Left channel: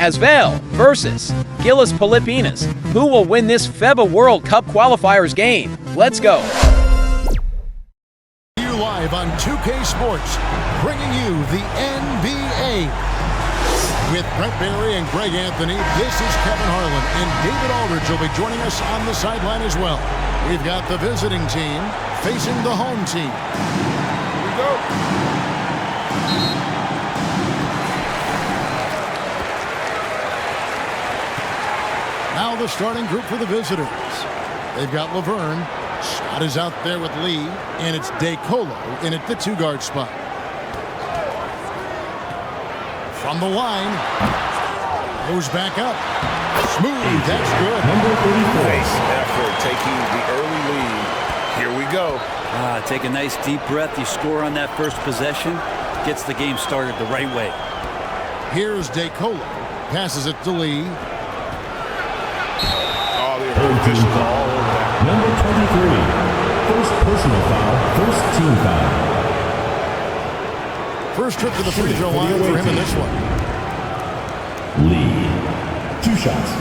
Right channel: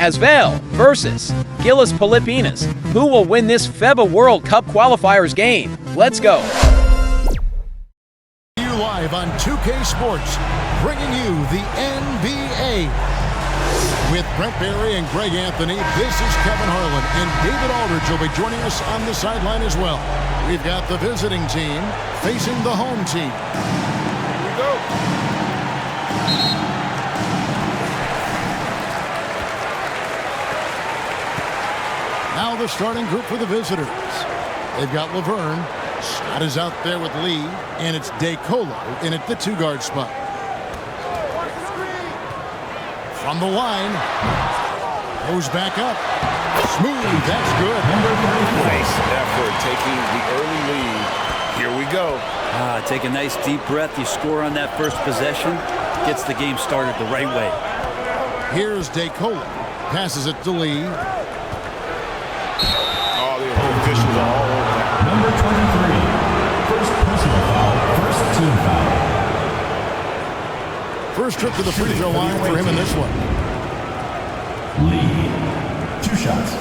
Asvel versus GILAS Pilipinas. Who will win this FIBA World Cup qualifiers game? Let's go. You live on 2K Sports, bringing you the NBA. With Brent Barry and Greg Anthony, this is Kevin Harlan, and David Aldridge will be joining us on the sideline as well. We've got the visiting team facing the home team. Here we go. Now the starting group for the visitors. They've got Laverne. Scott is out there with Lee, and it's DeColo in at the two-guard spot. From the line, goes back up. Smooth, that's good. Nice effort taking the early lead. Here we go. Take a nice deep breath. You score on that first possession. Gets the game started the right way. Here's DeColo. Passes it to Lee. Oh, the officials are all over that. Number 23. First personal foul, first team foul. First trip to the free throw line for him in this one. Lee. 2 shots.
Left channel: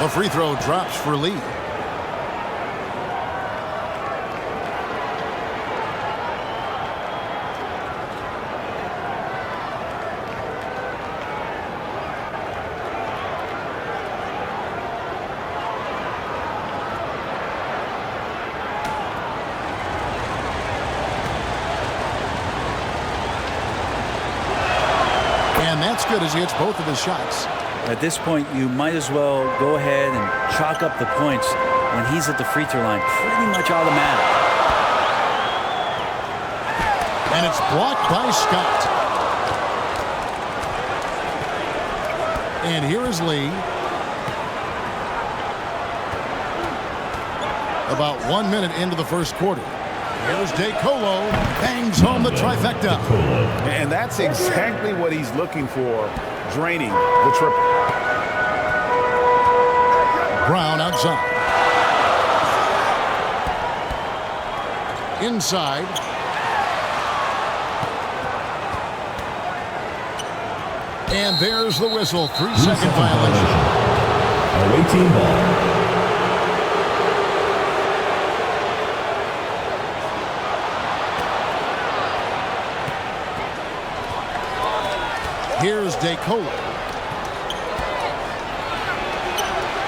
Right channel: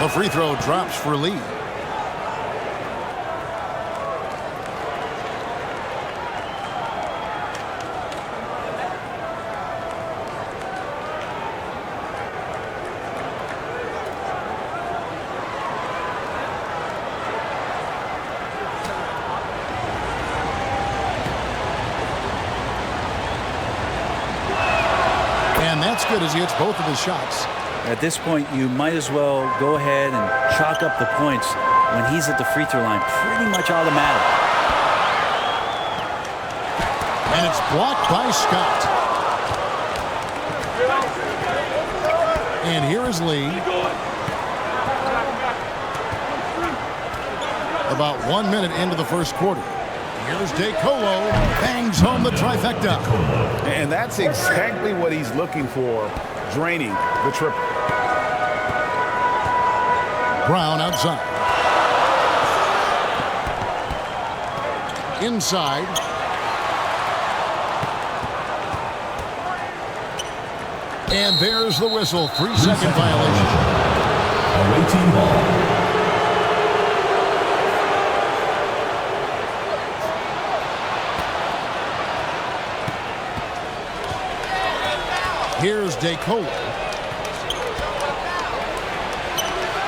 The free throw drops for Lee. And that's good as he hits both of his shots. At this point, you might as well go ahead and chalk up the points when he's at the free throw line. Pretty much automatic. And it's blocked by Scott. And here is Lee. About 1 minute into the first quarter. Here's DeColo. Bangs home the trifecta. And that's exactly what he's looking for, draining the triple. Brown outside. Inside. And there's the whistle. 3-second violation. Away team ball. Here's DeColo.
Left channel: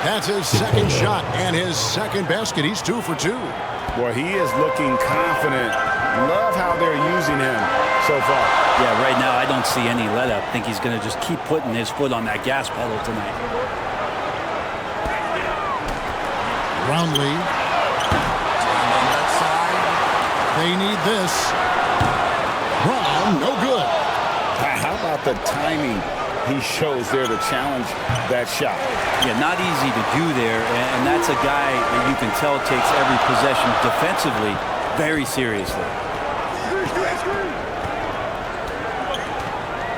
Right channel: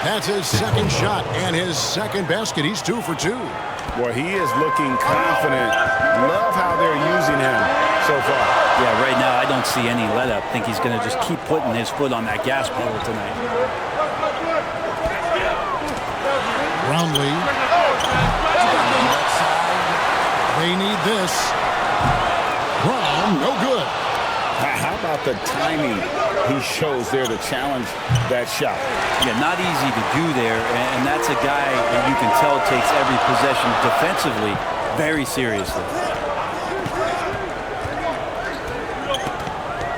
That's his second shot and his second basket. He's 2 for 2. Well, he is looking confident. Love how they're using him so far. Yeah, right now I don't see any let up. Think he's going to just keep putting his foot on that gas pedal tonight. Brownlee. They need this. Brown, no good. How about the timing he shows there to challenge that shot? Yeah, not easy to do there, and that's a guy that you can tell takes every possession defensively very seriously.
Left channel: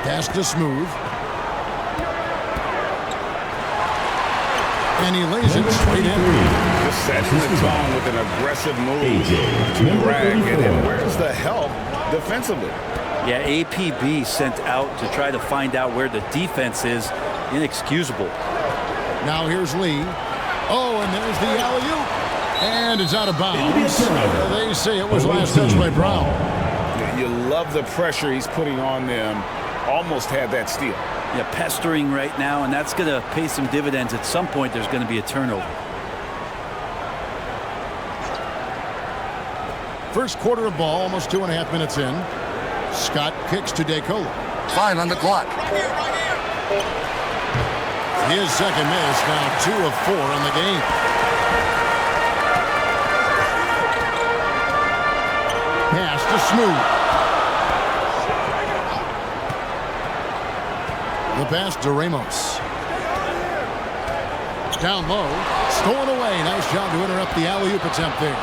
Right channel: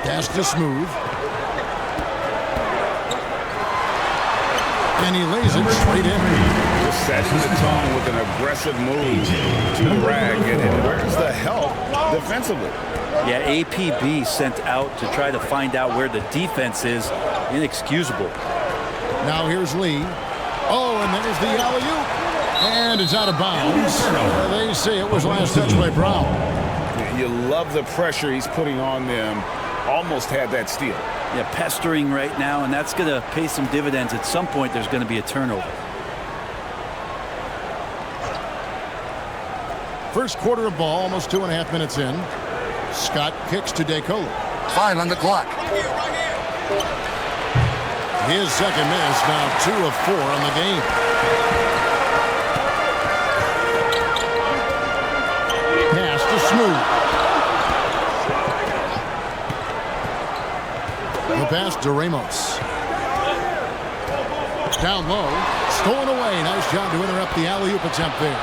Pass to Smooth. And he lays it straight in. Just setting the tone with an aggressive move to the rag. And where's the help defensively? Yeah, APB sent out to try to find out where the defense is. Inexcusable. Now here's Lee. Oh, and there's the alley-oop. And it's out of bounds. They say it was last touched by Brown. You love the pressure he's putting on them. Almost had that steal. Yeah, pestering right now, and that's going to pay some dividends. At some point, there's going to be a turnover. First quarter of ball, almost 2.5 minutes in. Scott kicks to DeColo. 5 on the clock. His second miss, now 2 of 4 on the game. Pass to Smooth. The pass to Ramos. down low. Stolen away. Nice job to interrupt the alley-oop attempt there.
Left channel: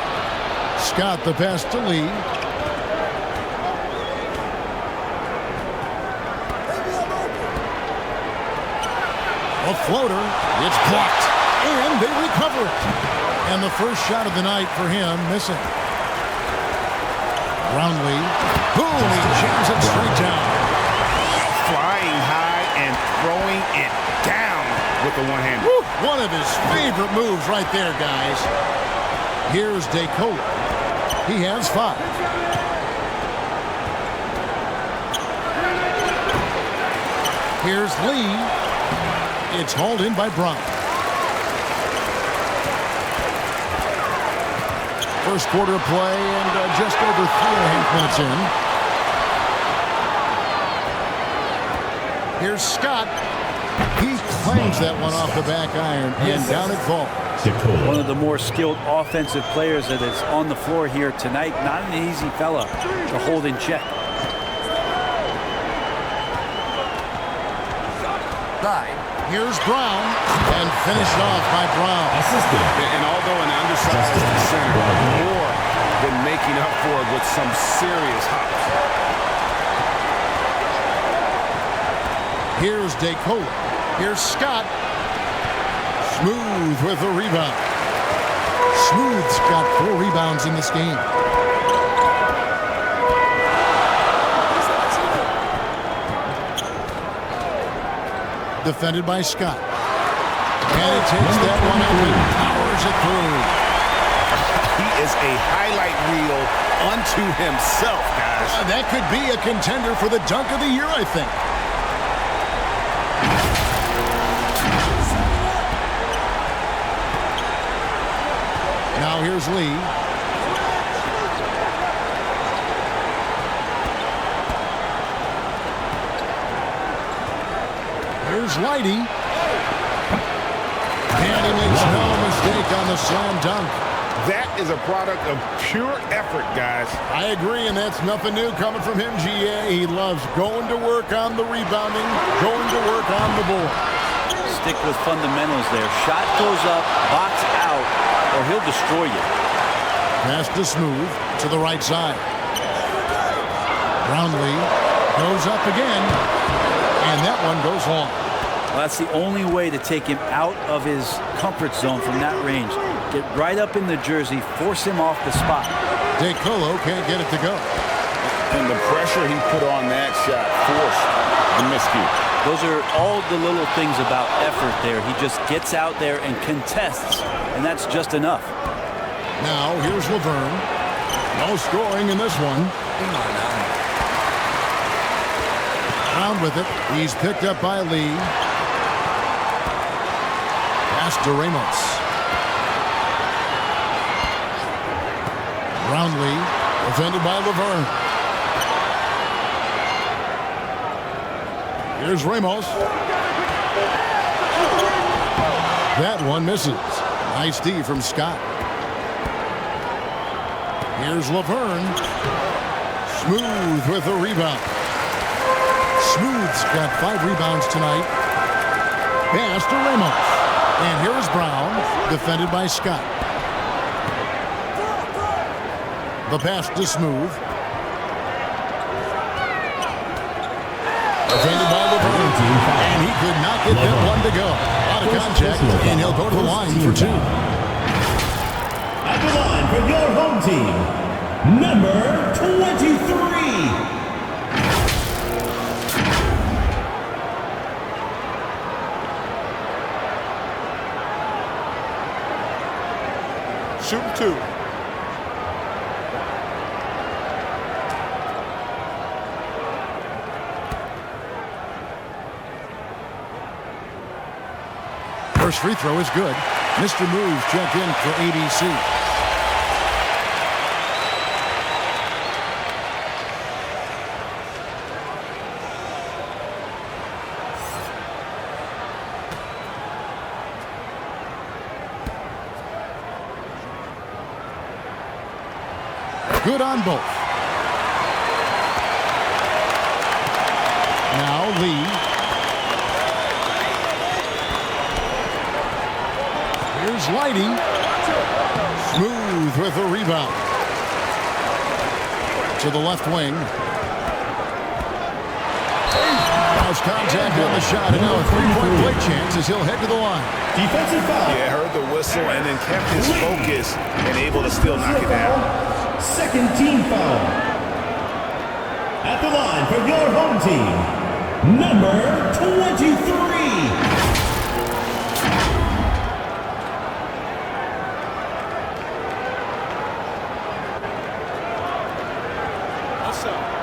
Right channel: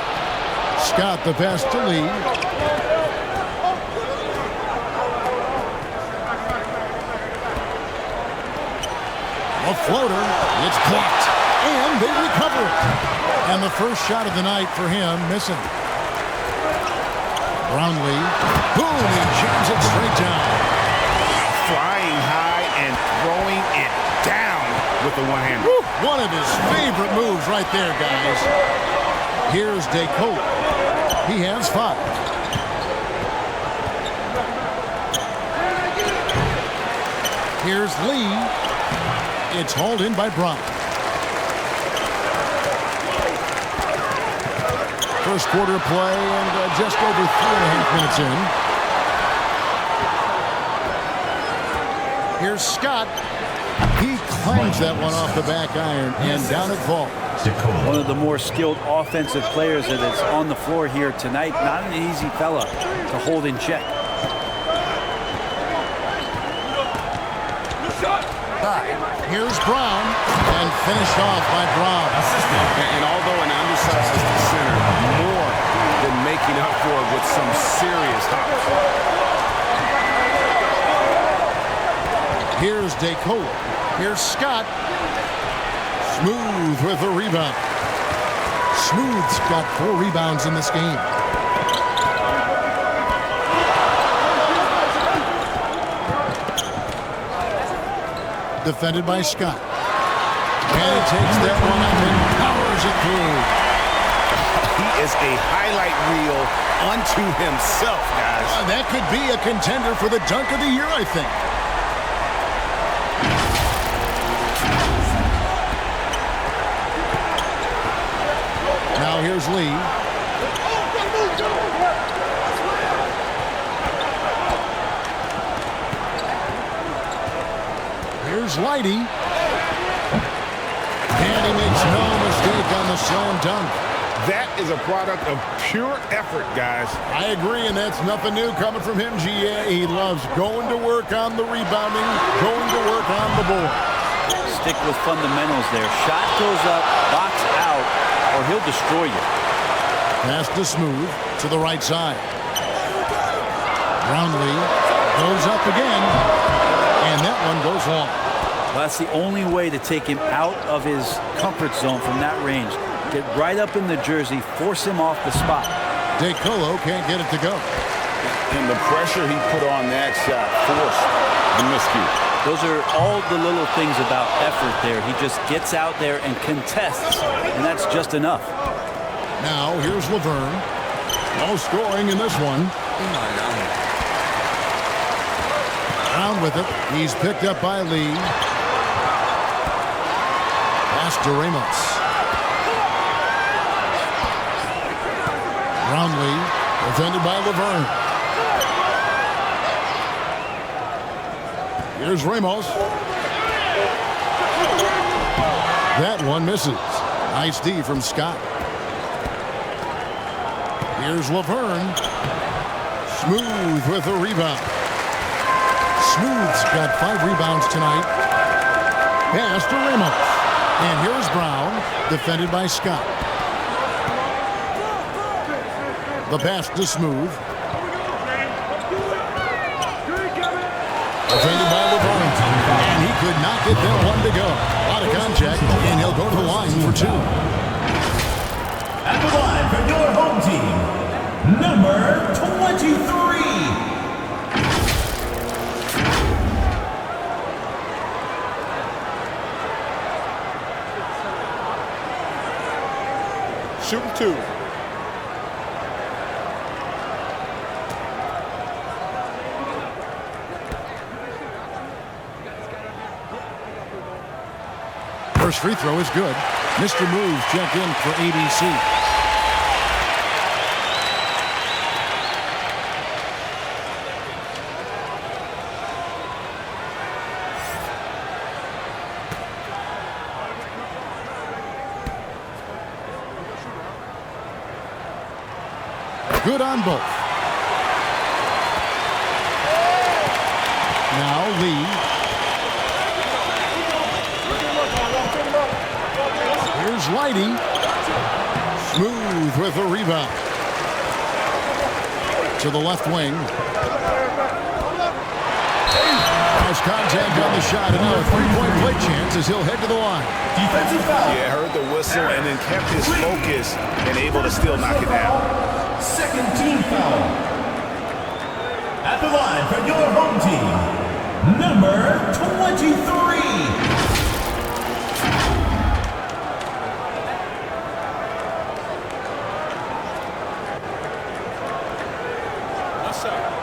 Scott the pass to Lee. A floater. It's blocked. And they recover it. And the first shot of the night for him missing. Brownlee. Boom. He jams it straight down. Flying high and throwing it down with the one-hander. One of his favorite moves right there, guys. Here's DeCola. He has 5. Here's Lee. It's hauled in by Brown. First quarter of play and just over 3.5 minutes in. Here's Scott. He claims that one off the back iron, and down it falls. One of the more skilled offensive players that is on the floor here tonight. Not an easy fella to hold in check. Here's Brown, and finished off by Brown. And although an undersized center, more than making up for it with some serious hops. Here's DeCola. Here's Scott. Smooth with the rebound. Smooth's got 4 rebounds in this game. Defended by Scott. And he takes that one up and powers it through. He is a highlight reel unto himself, guys. That could be a contender for the dunk of the year, I think. Now here's Lee. Here's Lighty. And he makes no mistake on the slam dunk. That is a product of pure effort, guys. I agree, and that's nothing new coming from him, GA. He loves going to work on the rebounding, going to work on the board. Stick with fundamentals there. Shot goes up, box out, or he'll destroy you. Pass to Smooth to the right side. Brownlee goes up again, and that one goes long. Well, that's the only way to take him out of his comfort zone from that range. Get right up in the jersey, force him off the spot. DeColo can't get it to go. And the pressure he put on that shot forced the miscue. Those are all the little things about effort there. He just gets out there and contests, and that's just enough. Now here's Laverne. No scoring in this one. Brown with it. He's picked up by Lee. Pass to Ramos. Brownlee, defended by Laverne. Here's Ramos. That one misses. Nice D from Scott. Here's Laverne. Smooth with a rebound. Smooth's got 5 rebounds tonight. Pass to Ramos. And here's Brown, defended by Scott. The pass to Smooth. Defended by Laverne. And he could not get that one to go. A lot of contact, and he'll go to the line for 2. At the line for your home team, number 23. Shooting 2. First free throw is good. Mr. Moves checked in for ABC. Good on both. Now Lee. Here's Lighty. Smooth with the rebound. To the left wing. Cross contact on the shot, and now a three-point play chance as he'll head to the line. Defensive foul. Yeah, heard the whistle and then kept his focus and able to still knock it down. Second team foul. At the line for your home team, number 23. What's up?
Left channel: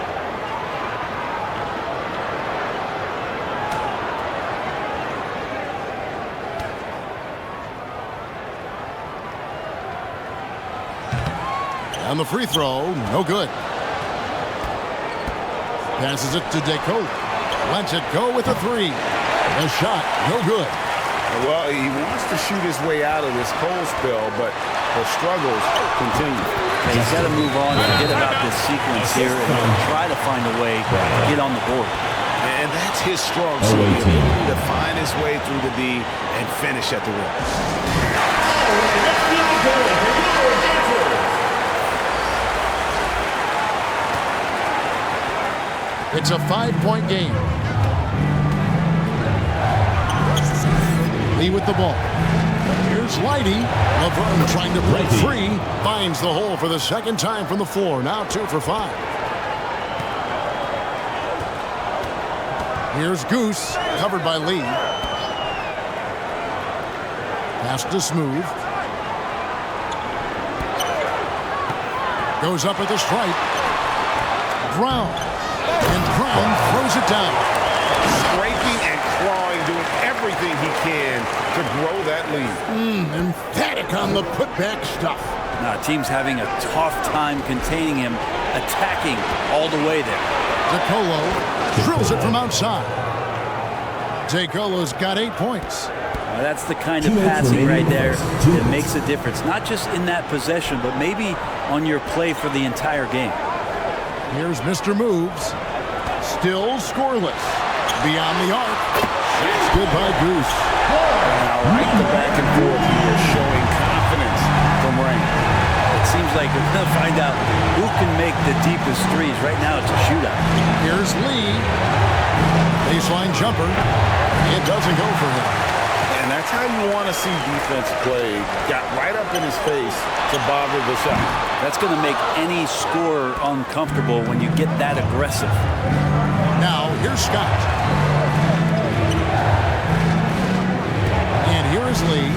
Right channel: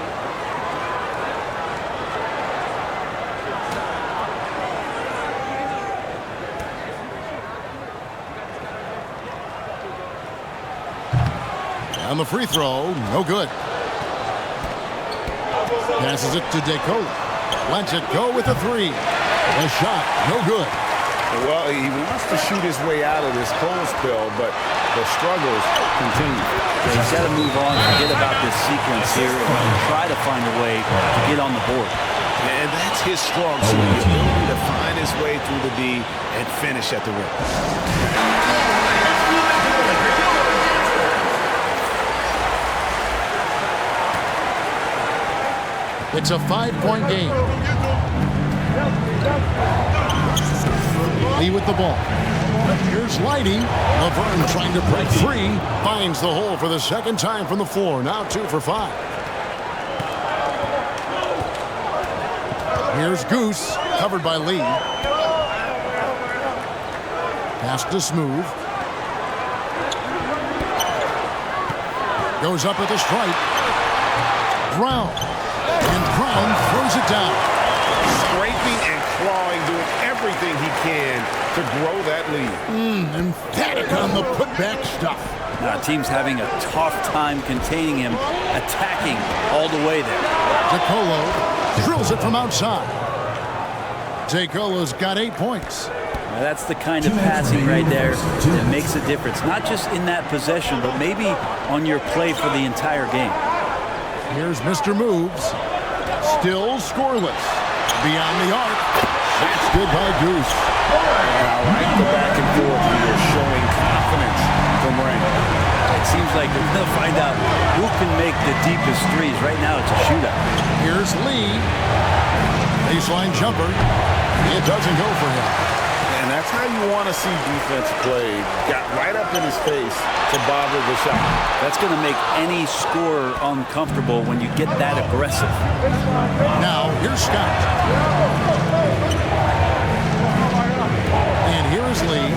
On the free throw, no good. Passes it to DeCola. Lets it go with a three. The shot, no good. Well, he wants to shoot his way out of this cold spell, but the struggles continue. Yeah, he's got to move on, forget about this sequence here, and try to find a way to get on the board. And that's his strong suit, the ability to find his way through the D and finish at the rim. It's a 5-point game. Lee with the ball. Here's Lighty. Laverne trying to break free. Finds the hole for the second time from the floor. Now 2 for 5. Here's Goose. Covered by Lee. Pass to Smooth. Goes up at the stripe. Brown. And Brown throws it down. Scraping and clawing, doing everything he can to grow that lead. Emphatic on the putback stuff. Now, team's having a tough time containing him, attacking all the way there. DeColo drills it from outside. DeColo's got 8 points. That's the kind of passing right there that makes a difference, not just in that possession, but maybe on your play for the entire game. Here's Mr. Moves. Still scoreless. Beyond the arc. Shot's good by Goose. And I like the back and forth here, showing confidence from Rain. It seems like they're going to find out who can make the deepest threes. Right now, it's a shootout. Here's Lee. Baseline jumper. It doesn't go for him. And that's how you want to see defense play. Got right up in his face to bother the shot. That's going to make any scorer uncomfortable when you get that aggressive. Now, here's Scott. And here is Lee.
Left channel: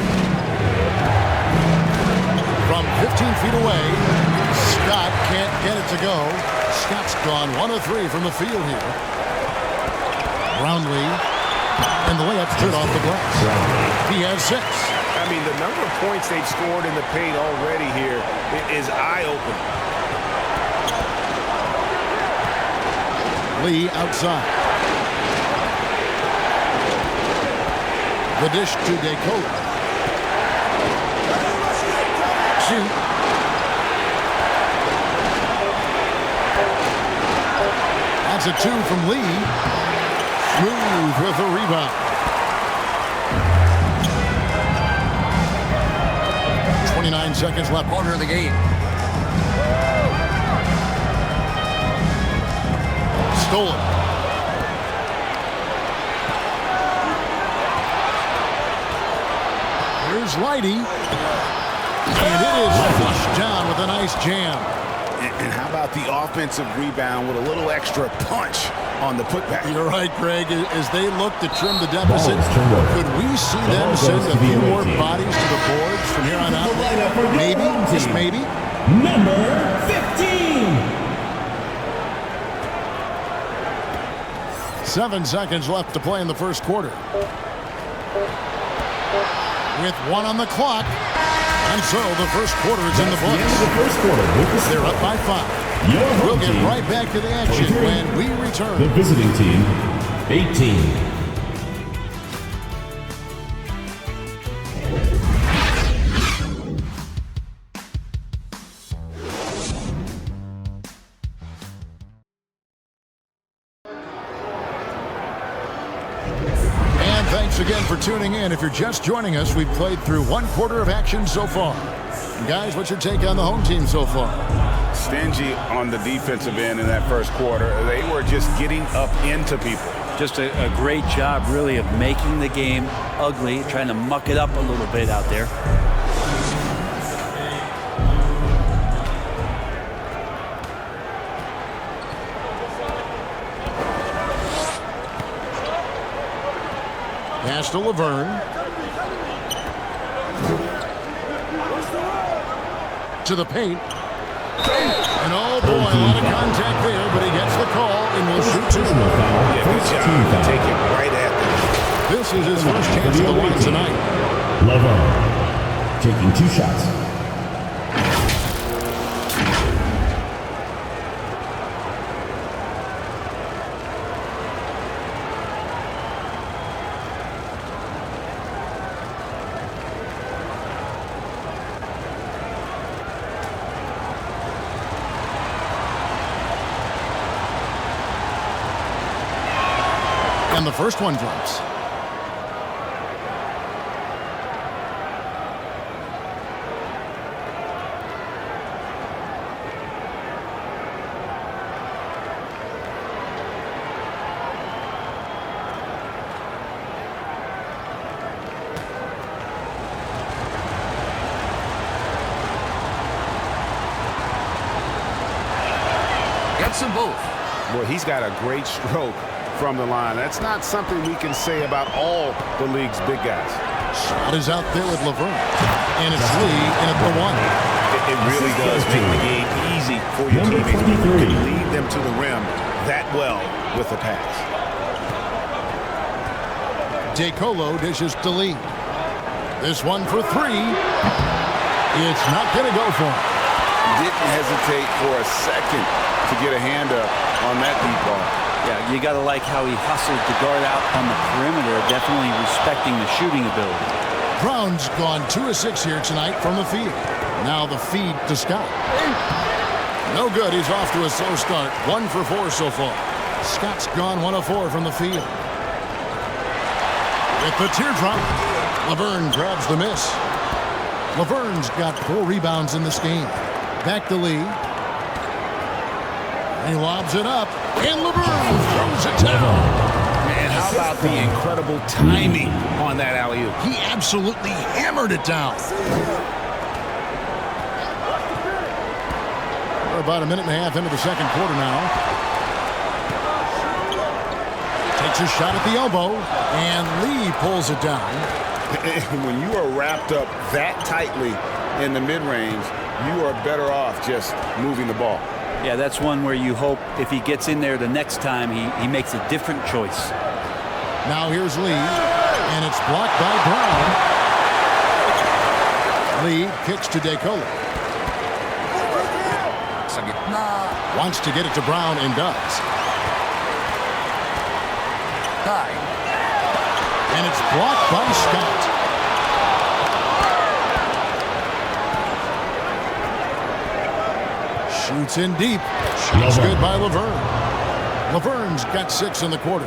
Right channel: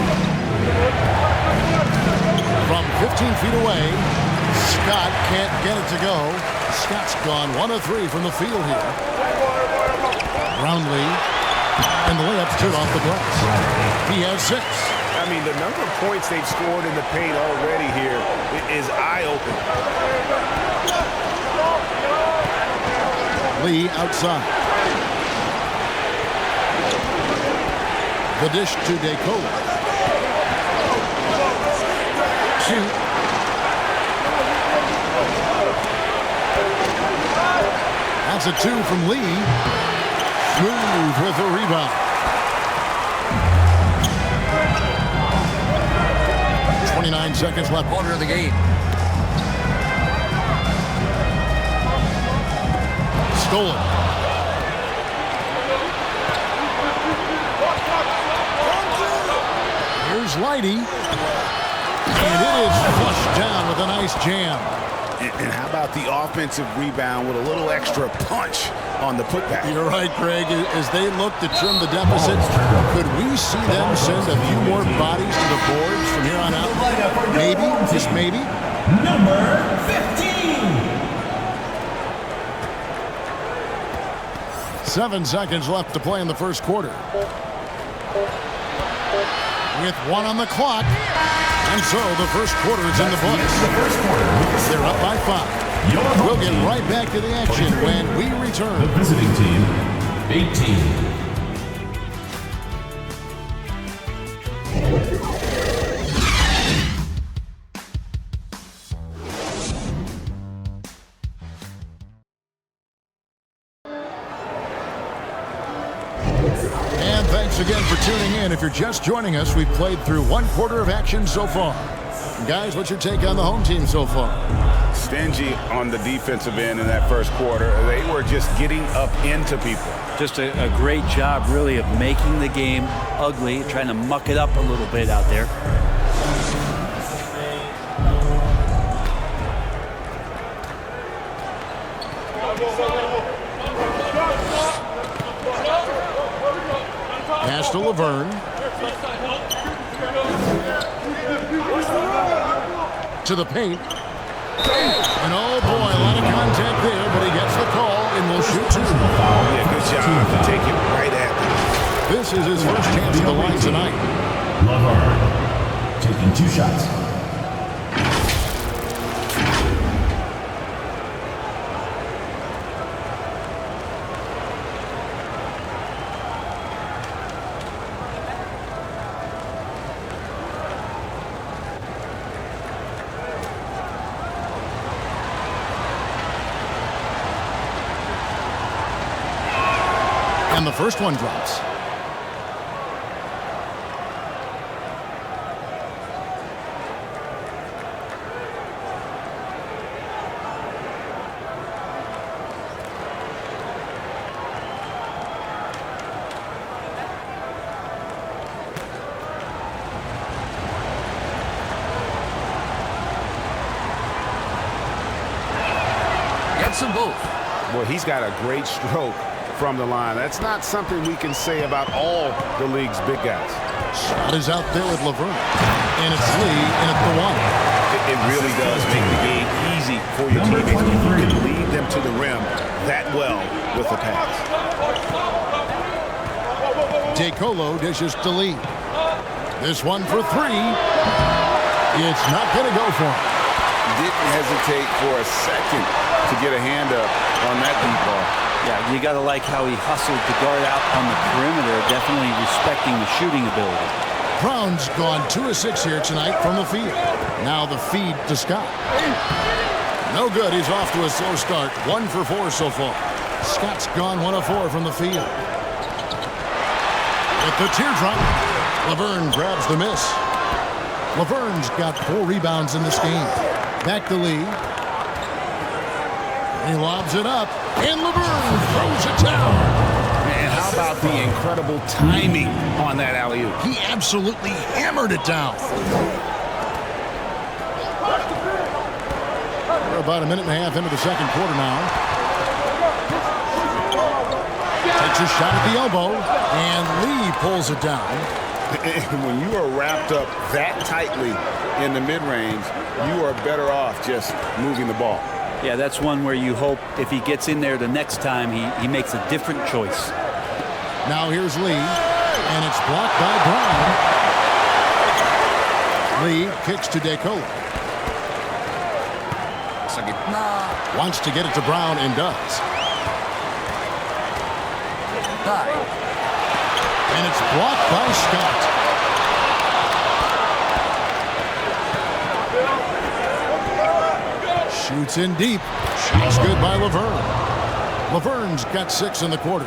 From 15 feet away, Scott can't get it to go. Scott's gone 1 of 3 from the field here. Brownlee. And the layup's good off the glass. He has 6. I mean, the number of points they've scored in the paint already here is eye-opening. Lee outside. The dish to DeColo. Shoot. That's a 2 from Lee. Smooth with the rebound. 29 seconds left. Quarter of the game. Stolen. Here's Lighty. And it is flushed down with a nice jam. And how about the offensive rebound with a little extra punch on the putback? You're right, Greg. As they look to trim the deficit, could we see them send a few more bodies to the boards from here on out? Maybe, just maybe. Number 15. 7 seconds left to play in the first quarter. With 1 on the clock. And so the first quarter is in the books. They're up by 5. We'll get right back to the action when we return. The visiting team, 18. And thanks Thanks again for tuning in. If you're just joining us, we've played through one quarter of action so far. Guys, what's your take on the home team so far? Stingy on the defensive end in that first quarter. They were just getting up into people. Just a great job, really, of making the game ugly, trying to muck it up a little bit out there. Pass to Laverne. To the paint. And oh boy, a lot of contact there, but he gets the call and will shoot two. Yeah, good job to take it right at them. This is his first chance at the line tonight. Laverne taking 2 shots. And the first one drops. Gets them both. Boy, he's got a great stroke from the line. That's not something we can say about all the league's big guys. Shot is out there with Laverne. And it's Lee in at the one. It really does make the game easy for your teammates when you can lead them to the rim that well with the pass. DeColo dishes to Lee. This one for three. It's not going to go for him. Didn't hesitate for a second to get a hand up on that deep ball. Yeah, you got to like how he hustled to guard out on the perimeter, definitely respecting the shooting ability. Brown's gone 2 of 6 here tonight from the field. Now the feed to Scott. No good. He's off to a slow start. 1 for 4 so far. Scott's gone 1 of 4 from the field. With the teardrop, Laverne grabs the miss. Laverne's got 4 rebounds in this game. Back to Lee. He lobs it up, and Laverne throws it down. And how about the incredible timing on that alley-oop? He absolutely hammered it down. We're about a minute and a half into the second quarter now. Takes a shot at the elbow, and Lee pulls it down. When you are wrapped up that tightly in the mid-range, you are better off just moving the ball. Yeah, that's one where you hope if he gets in there the next time, he makes a different choice. Now here's Lee, and it's blocked by Brown. Lee kicks to DeColo. Wants to get it to Brown and does. And it's blocked by Scott. Shoots in deep. Shot's good by Laverne. Laverne's got 6 in the quarter.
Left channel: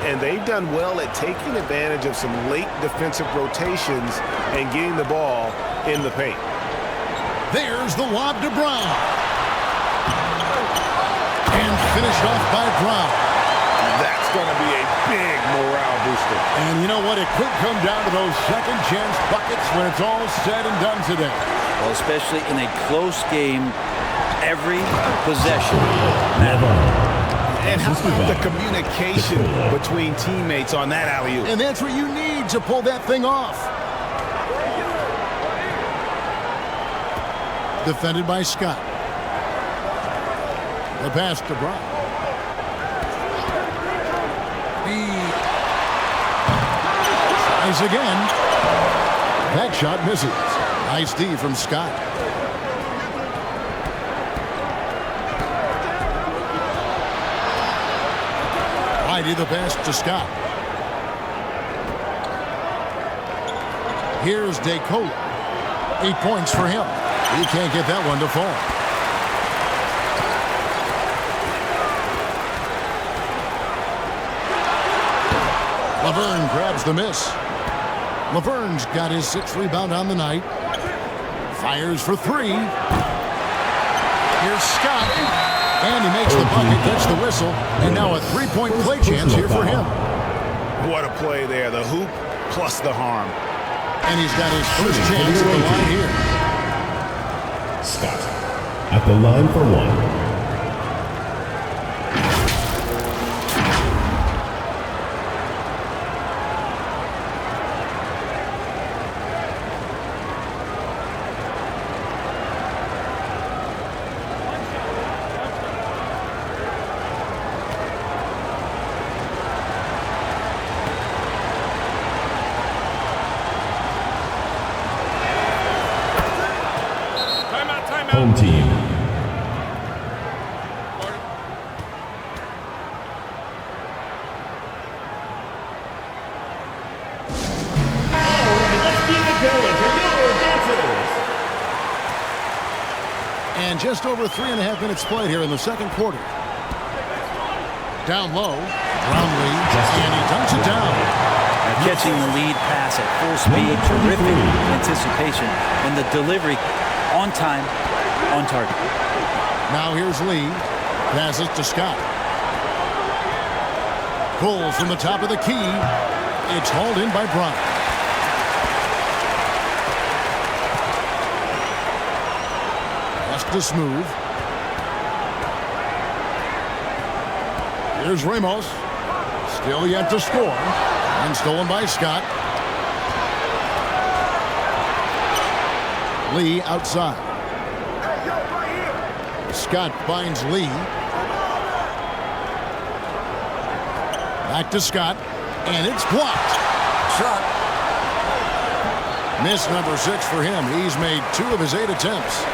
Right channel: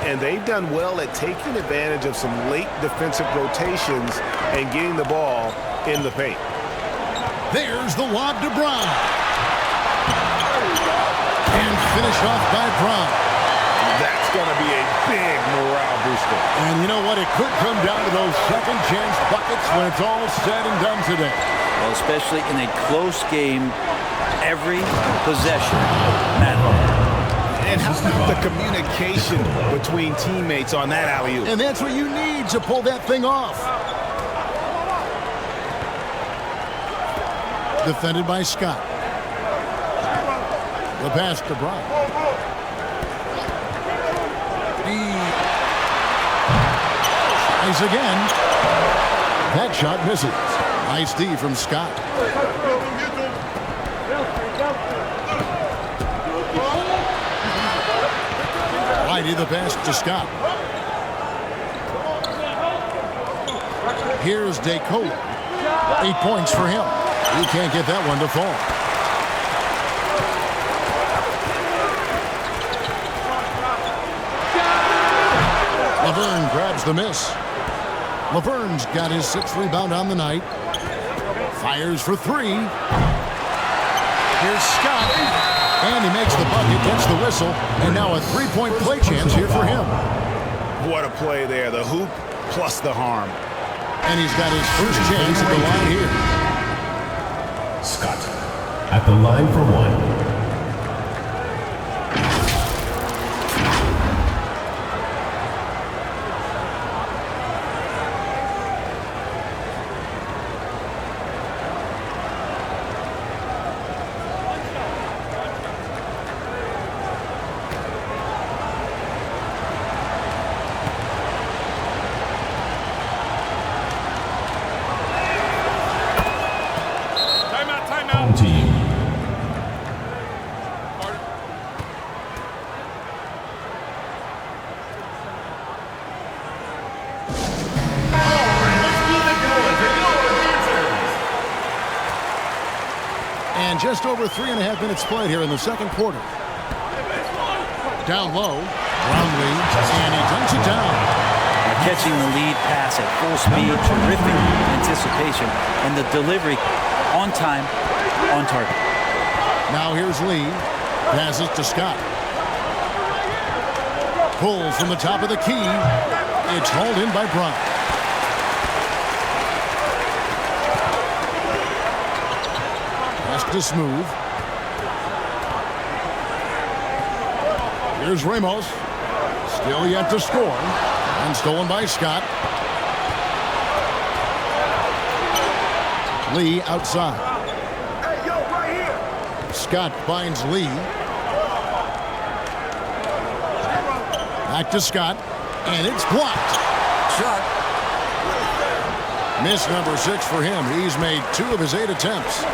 And they've done well at taking advantage of some late defensive rotations and getting the ball in the paint. There's the lob to Brown. And finished off by Brown. That's going to be a big morale booster. And you know what? It could come down to those second chance buckets when it's all said and done today. Well, especially in a close game, every possession matters. And how about the communication between teammates on that alley-oop? And that's what you need to pull that thing off. Defended by Scott. The pass to Brown. He tries again. That shot misses. Nice D from Scott. Whitey the pass to Scott. Here's DeColo. 8 points for him. He can't get that one to fall. Laverne grabs the miss. Laverne's got his 6th rebound on the night. Fires for 3. Here's Scott. And he makes the bucket, gets the whistle, and now a 3-point play chance here for him. What a play there. The hoop plus the harm. And he's got his first chance at the line here. Scott at the line for 1. Home team. And just over 3.5 minutes played here in the second quarter. Down low, Brownlee, and he dunks it down. Now catching the lead pass at full speed, terrific anticipation, and the delivery on time, on target. Now here's Lee. Passes to Scott. Pulls from the top of the key. It's hauled in by Brown. Pass to Smooth. Here's Ramos. Still yet to score. And stolen by Scott. Lee outside. Hey, yo, right here. Scott finds Lee. Back to Scott. And it's blocked. Shot. Miss number 6 for him. He's made 2 of his 8 attempts.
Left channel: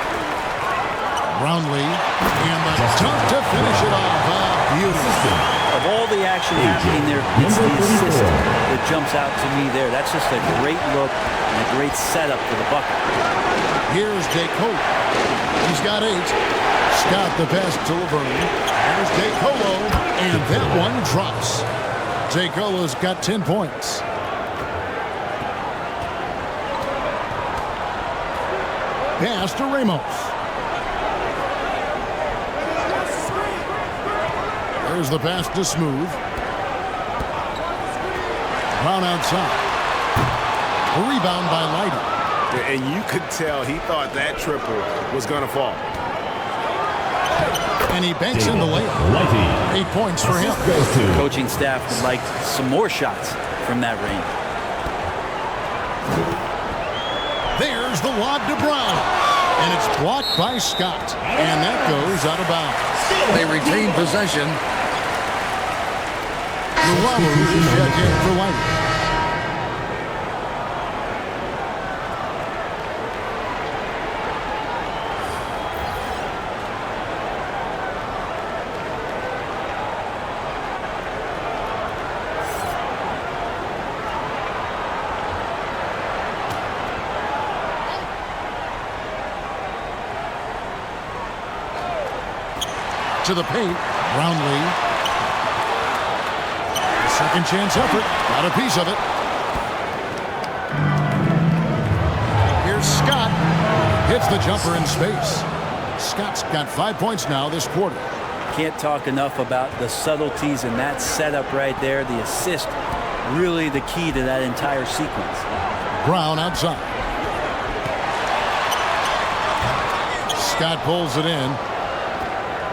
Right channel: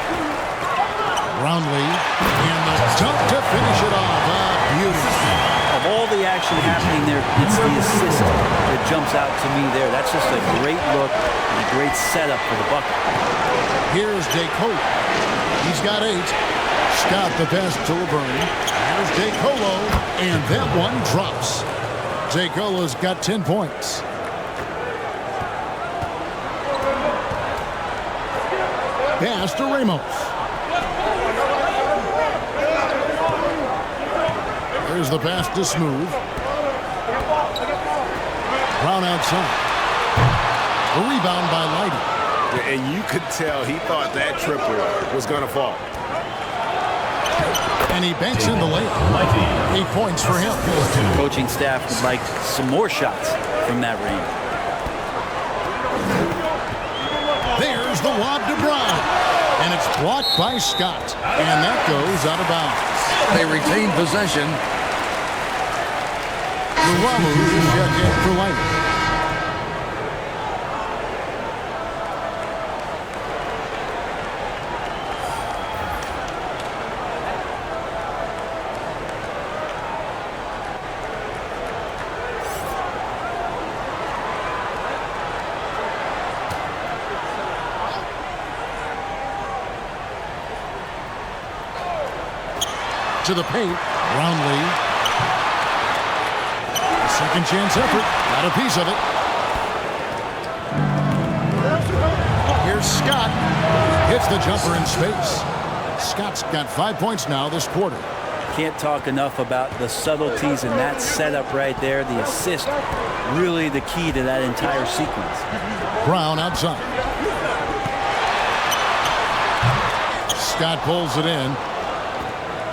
Brownlee. And the dunk to finish it off. Beauty. Of all the action happening there, it's the assist that jumps out to me there. That's just a great look and a great setup for the bucket. Here's DeColo. He's got 8. Scott the pass to Laverne. Here's DeColo. And that one drops. DeColo's got 10 points. Pass to Ramos. There's the pass to Smooth. Brown outside. The rebound by Lighty. And you could tell he thought that triple was going to fall. And he banks in the layup. 8 points for him. Coaching staff would like some more shots from that range. There's the lob to Brown. And it's blocked by Scott. And that goes out of bounds. They retain possession. Luamu is checked in for Lighty. To the paint, Brownlee. The second chance effort, got a piece of it. Here's Scott, hits the jumper in space. Scott's got 5 points now this quarter. Can't talk enough about the subtleties in that setup right there. The assist, really the key to that entire sequence. Brown outside. Scott pulls it in.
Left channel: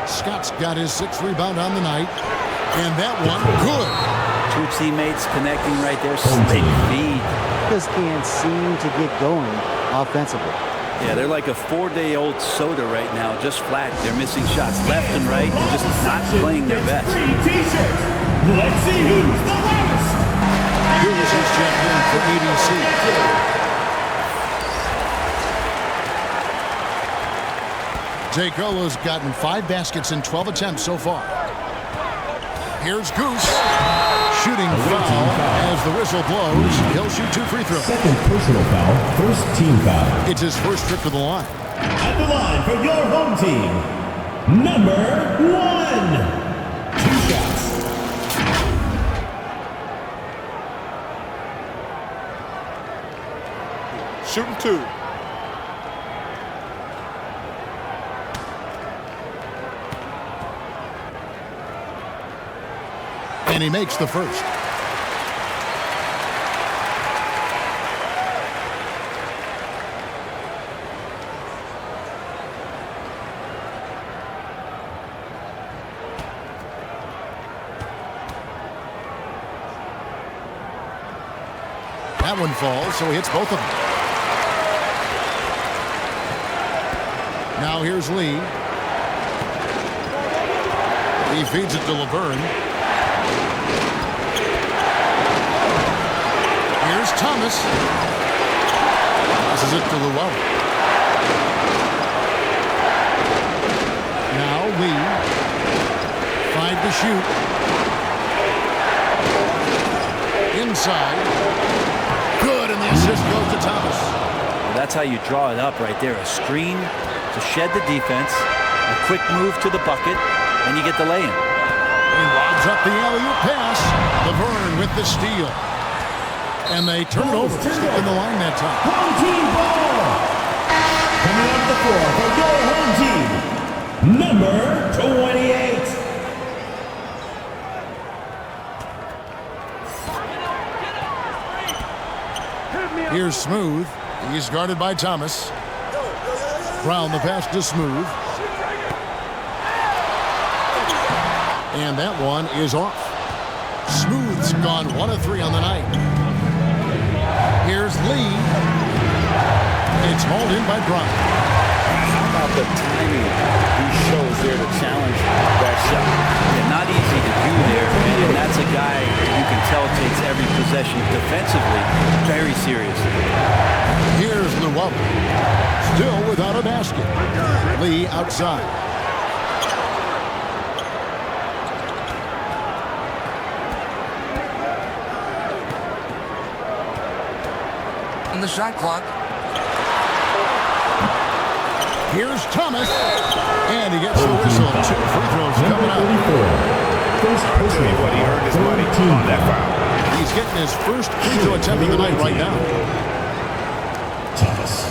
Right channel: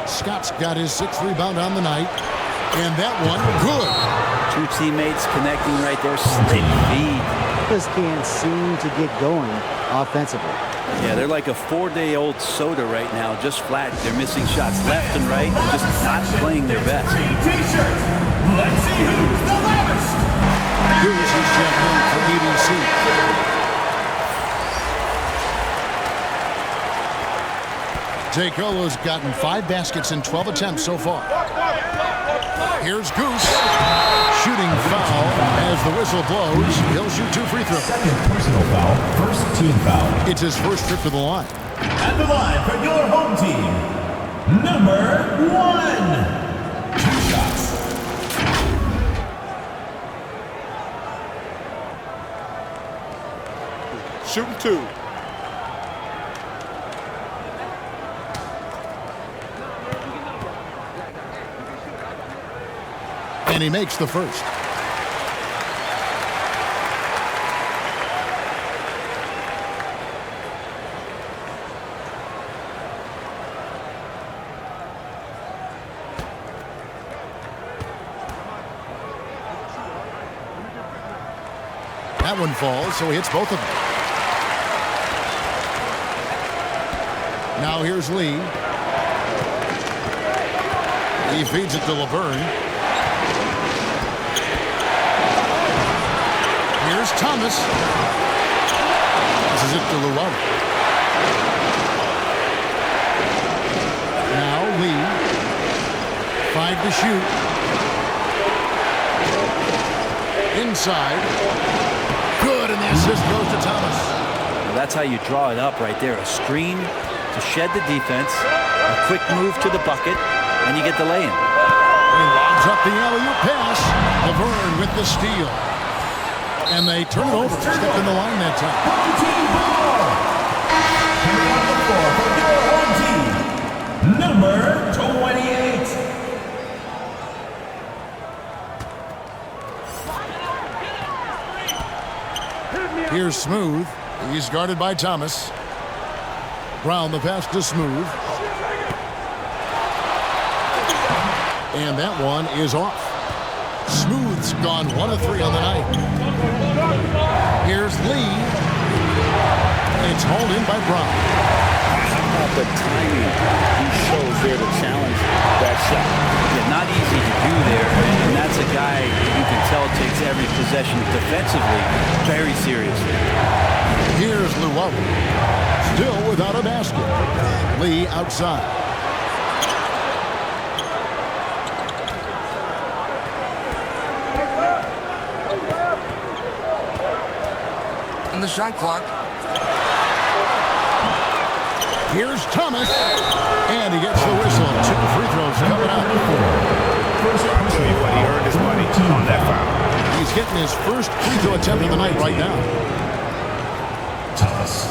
Scott's got his 6th rebound on the night. And that one, good. 2 teammates connecting right there. Slick feed. Just can't seem to get going offensively. Yeah, they're like a 4-day-old soda right now, just flat. They're missing shots left and right and just not playing their best. T-shirts. Let's see who's the loudest. Goose is checked in for ABC. DeColo's gotten 5 baskets in 12 attempts so far. Here's Goose. Shooting foul as the whistle blows. He'll shoot 2 free throws. Second personal foul, first team foul. It's his first trip to the line. At the line for your home team, number 1. 2 shots. Shooting 2. And he makes the first. That one falls, so he hits both of them. Now here's Lee. He feeds it to Laverne. Here's Thomas. Passes it to Luau. Now Lee. 5 to shoot. Inside. Good, and the assist goes to Thomas. Well, that's how you draw it up right there. A screen to shed the defense, a quick move to the bucket, and you get the lay-in. He lobs up the alley-oop pass. Laverne with the steal. And they turn it over. Stepped in the line that time. Home team ball. Coming off the floor for your home team, number 28. Here's Smooth. He's guarded by Thomas. Brown the pass to Smooth. And that one is off. Smooth's gone 1 of 3 on the night. Here's Lee. It's hauled in by Brown. How about the timing he shows there to challenge that shot? Yeah, not easy to do there, and that's a guy that you can tell takes every possession defensively very seriously. Here's Luau. Still without a basket. Lee outside. On the shot clock. Here's Thomas. And he gets the whistle. 2 free throws coming up. I'll tell you what, he earned his money on that foul. He's getting his first free throw attempt of the night right now. Thomas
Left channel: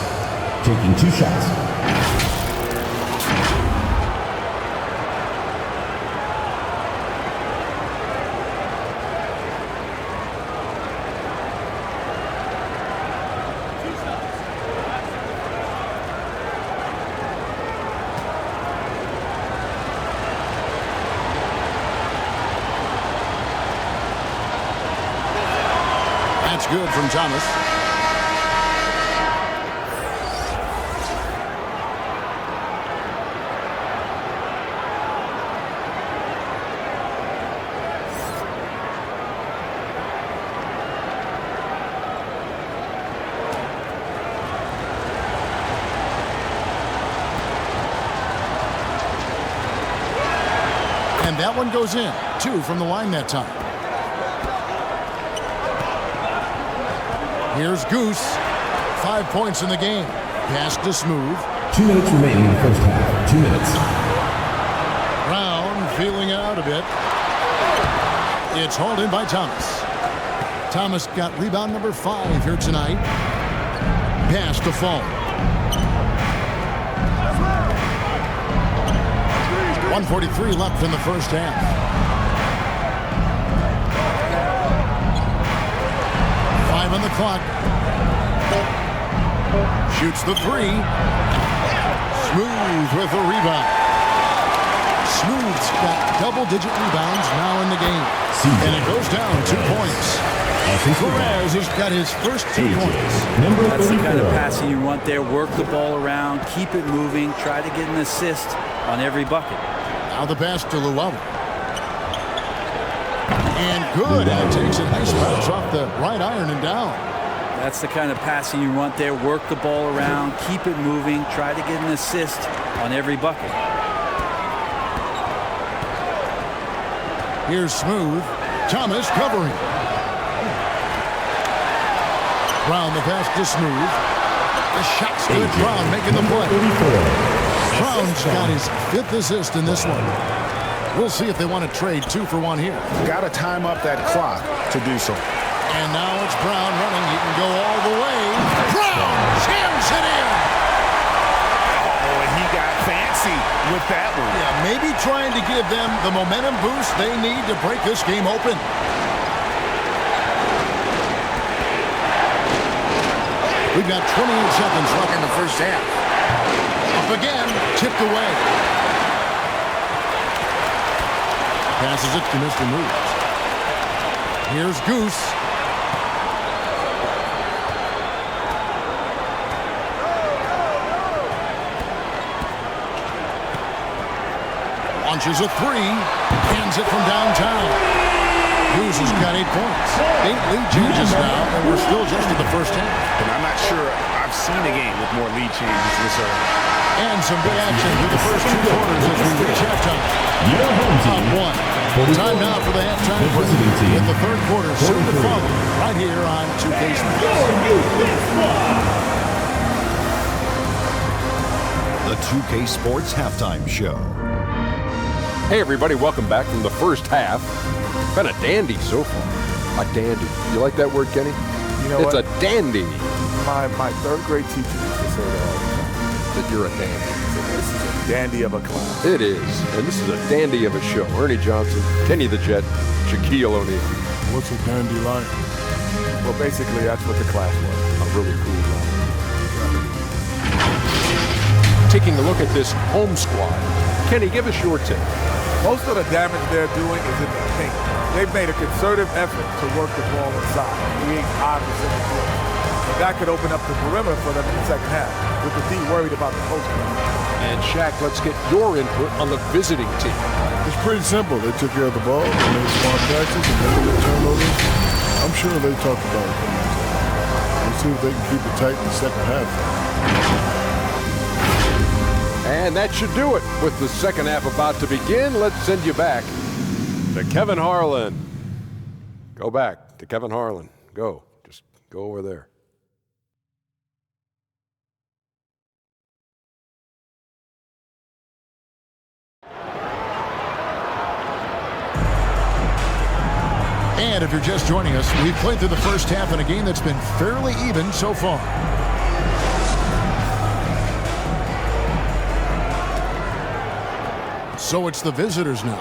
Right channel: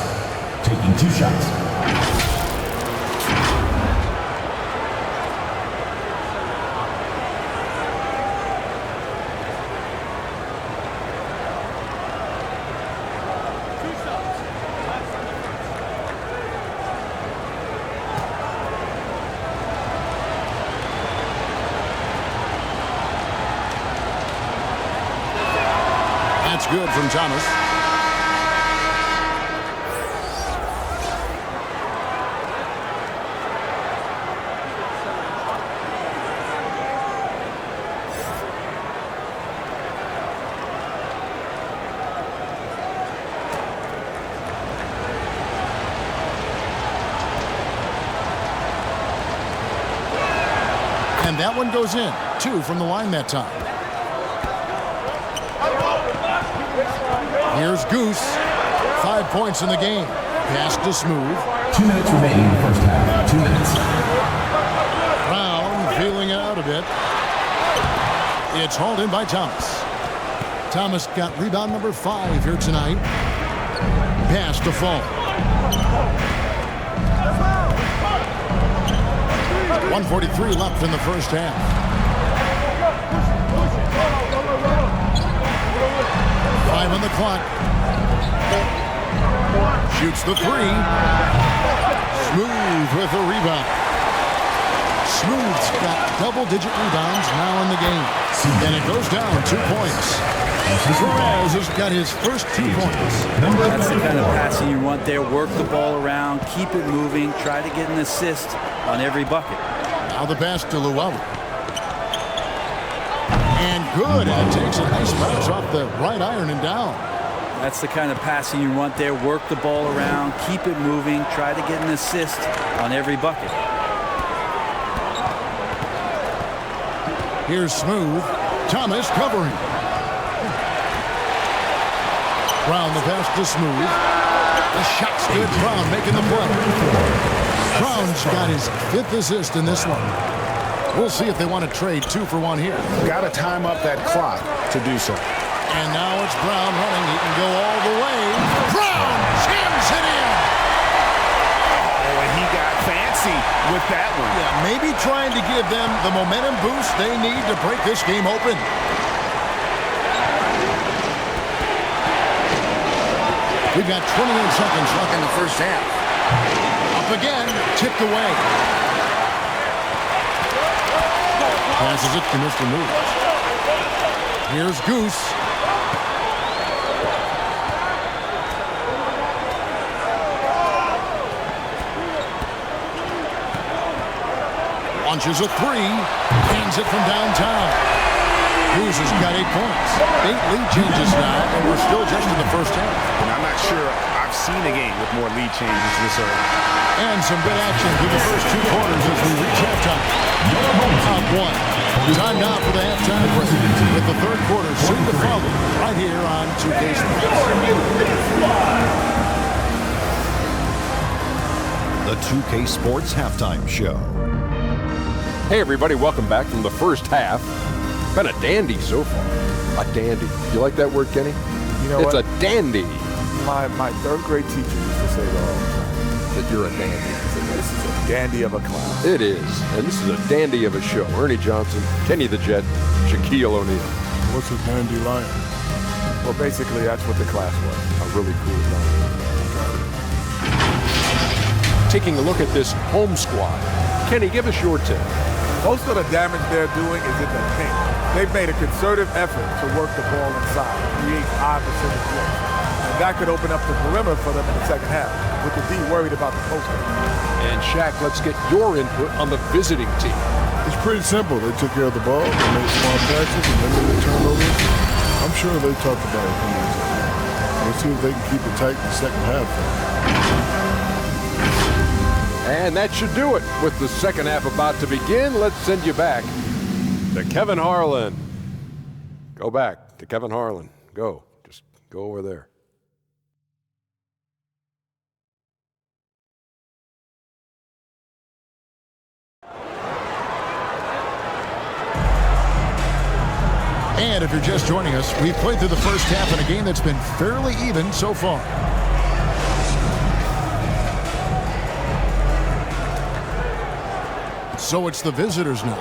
taking 2 shots. That's good from Thomas. And that one goes in. 2 from the line that time. Here's Goose. 5 points in the game. Pass to Smooth. 2 minutes remaining in the first half. 2 minutes. Brown feeling it out a bit. It's hauled in by Thomas. Thomas got rebound number 5 here tonight. Pass to Fall. 1:43 left in the first half. Five on the clock. Shoots the 3. Smooth with the rebound. Smooth's got double-digit rebounds now in the game. And it goes down 2 points. Perez has got his first 2 points. That's the kind of passing you want there. Work the ball around, keep it moving, try to get an assist on every bucket. Now the pass to Luau. And good, and it takes a nice bounce off the right iron and down. That's the kind of passing you want there. Work the ball around, keep it moving, try to get an assist on every bucket. Here's Smooth. Thomas covering. Brown the pass to Smooth. The shot's good. Brown making the play. Brown's got his 5th assist in this one. We'll see if they want to trade 2 for 1 here. Got to time up that clock to do so. And now it's Brown running. He can go all the way. Brown! fancy with that one. Yeah, maybe trying to give them the momentum boost they need to break this game open. We've got 28 seconds left In the first half. Up again, tipped away. Passes it to Mr. Moves. Here's Goose. Launches a three. Hands it from downtown. Goose has got 8 points. 8 lead changes now, and we're still just in the first half. And I'm not sure I've seen a game with more lead changes this early. And some good action through the first 2 quarters as we reach halftime. Up 1. Time now for the halftime break, with the third quarter soon to follow right here on 2K Sports. The 2K Sports Halftime Show. Hey everybody, welcome back from the first half. Been a dandy so far. A dandy. You like that word, Kenny? You know it's what? a dandy. My third grade teacher used to say that all the time. That you're a dandy. So this is a dandy of a class. It is. And this is a dandy of a show. Ernie Johnson, Kenny the Jet, Shaquille O'Neal. What's a dandelion? Well, basically, that's what the class was. A really cool line. Taking a look at this home squad. Kenny, give us your take. Most of the damage they're doing is in the paint. They've made a concerted effort to work the ball inside, create high percentage looks. And that could open up the perimeter for them in the second half, with the D worried about the post game. And Shaq, let's get your input on the visiting team. It's pretty simple. They took care of the ball, they made smart passes, and limited turnovers. I'm sure they talked about it coming into the game. We'll see if they can keep it tight in the second half. And that should do it. With the second half about to begin, let's send you back to Kevin Harlan. Go back to Kevin Harlan. Go. Just go over there. And if you're just joining us, we've played through the first half in a game that's been fairly even so far. So it's the visitors now.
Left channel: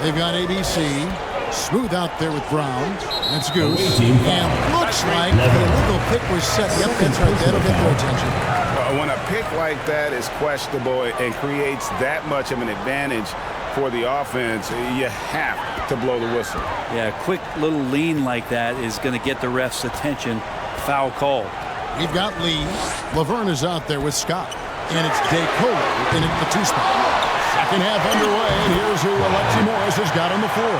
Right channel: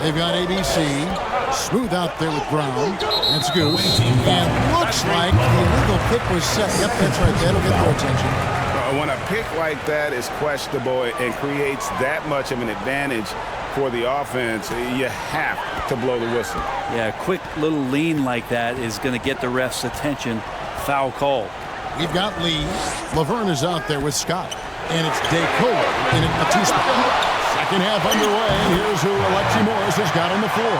They've got ABC. Smooth out there with Brown. That's Goose. And looks like the illegal pick was set. Yep, that's right. That'll get their attention. When a pick like that is questionable and creates that much of an advantage for the offense, you have to blow the whistle. Yeah, a quick little lean like that is going to get the ref's attention. Foul call. We've got Lee. Laverne is out there with Scott. And it's DeColo in at the 2 spot. Second half underway, and here's who Alexi Morris has got on the floor.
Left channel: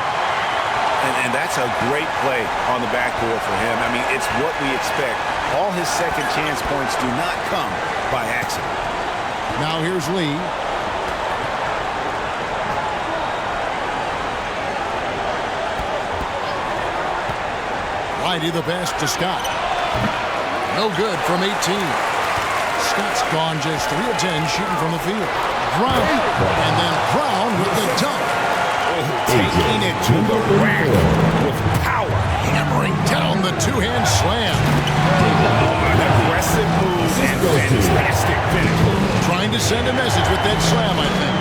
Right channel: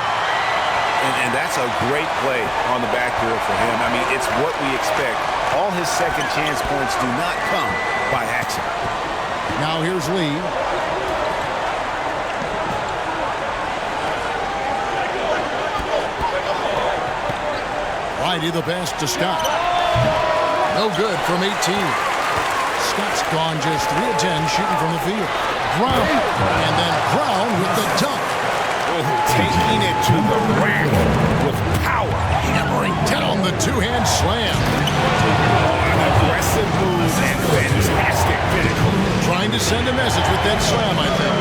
And that's a great play on the backboard for him. I mean, it's what we expect. All his second chance points do not come by accident. Now here's Lee. Whitey the pass to Scott. No good from 18. Scott's gone just 3 of 10 shooting from the field. Brown, and then Brown with the dunk. Oh, taking it to the rack with power, hammering down the 2-hand slam. Oh, an aggressive move and fantastic finish. Trying to send a message with that slam, I think.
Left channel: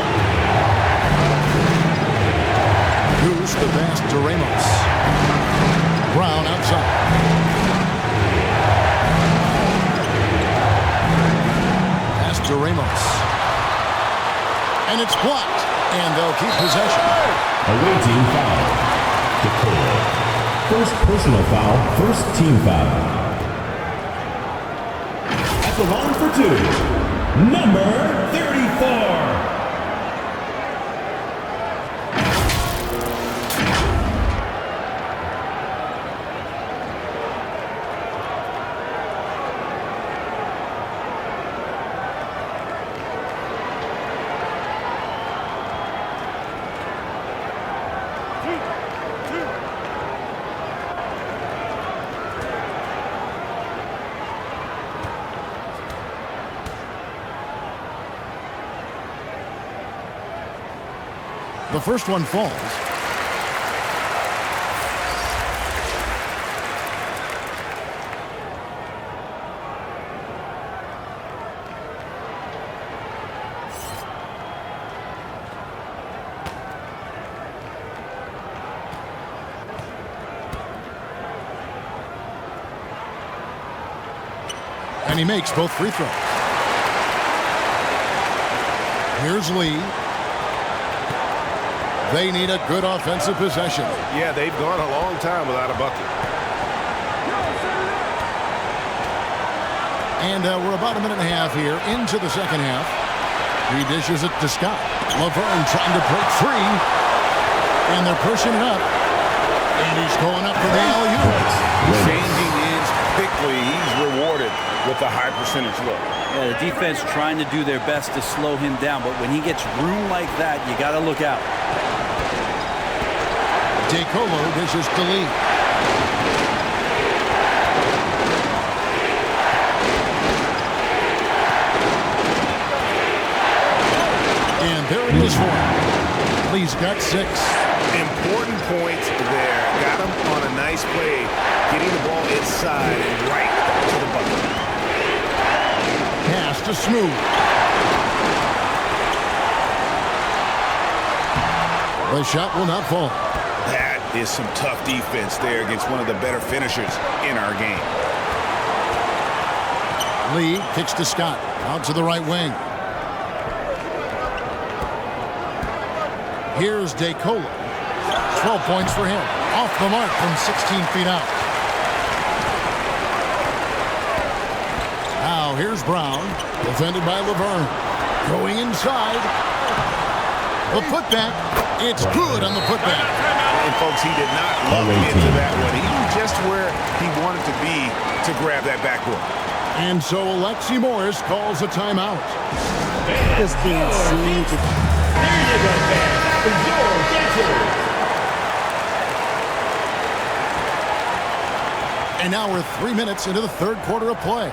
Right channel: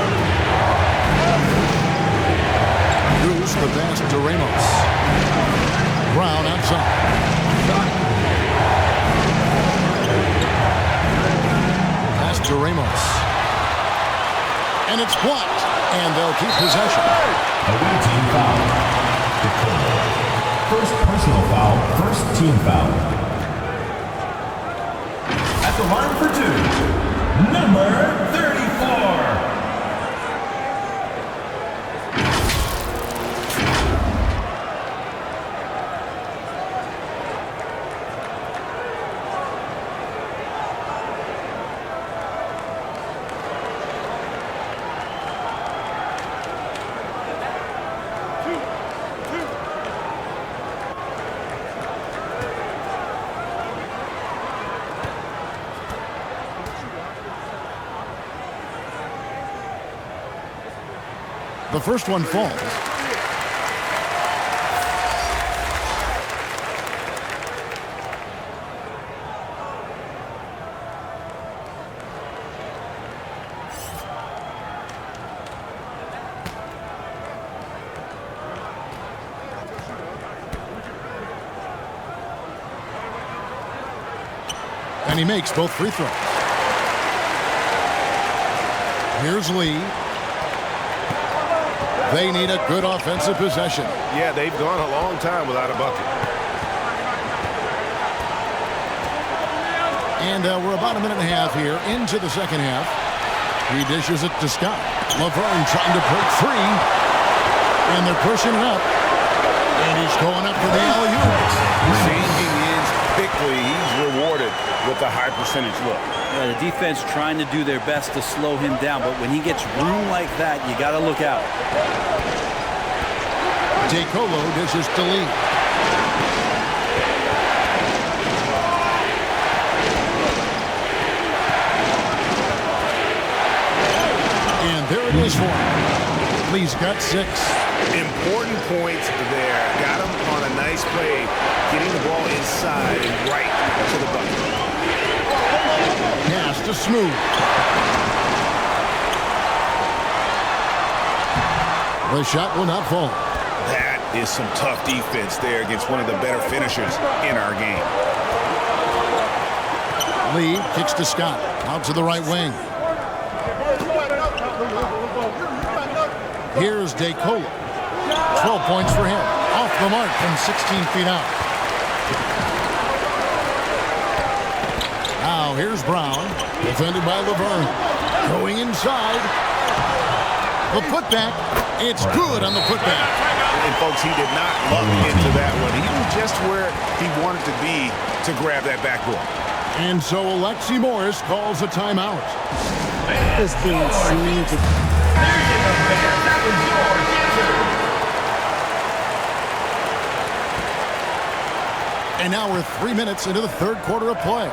Goose the pass to Ramos. Brown outside. To Ramos. And it's blocked, and they'll keep possession. Awaiting foul. DeColo. First personal foul, first team foul. At the line for 2, number 34. The first one falls. And he makes both free throws. Here's Lee. They need a good offensive possession. Yeah, they've gone a long time without a bucket. And we're about a minute and a half here into the second half. He dishes it to Scott. Laverne trying to break free. And they're pushing it up. And he's going up for the alley-oop. Changing ends quickly. He's rewarded with a high percentage look. Yeah, the defense trying to do their best to slow him down, but when he gets room like that, you got to look out. DeColo dishes to Lee. And there it is for him. Lee's got 6. Important points there. Got him on a nice play, getting the ball inside and right to the bucket. Pass to Smooth. The shot will not fall. That is some tough defense there against one of the better finishers in our game. Lee kicks to Scott. Out to the right wing. Here's DeColo. 12 points for him. Off the mark from 16 feet out. Now here's Brown. Defended by Laverne. Going inside. The putback. It's good on the putback. And folks, he did not luck into that one. He knew just where he wanted to be to grab that backboard. And so Alexi Morris calls a timeout. Just being seen to... There you go, fans. That was your answer. And now we're 3 minutes into the third quarter of play.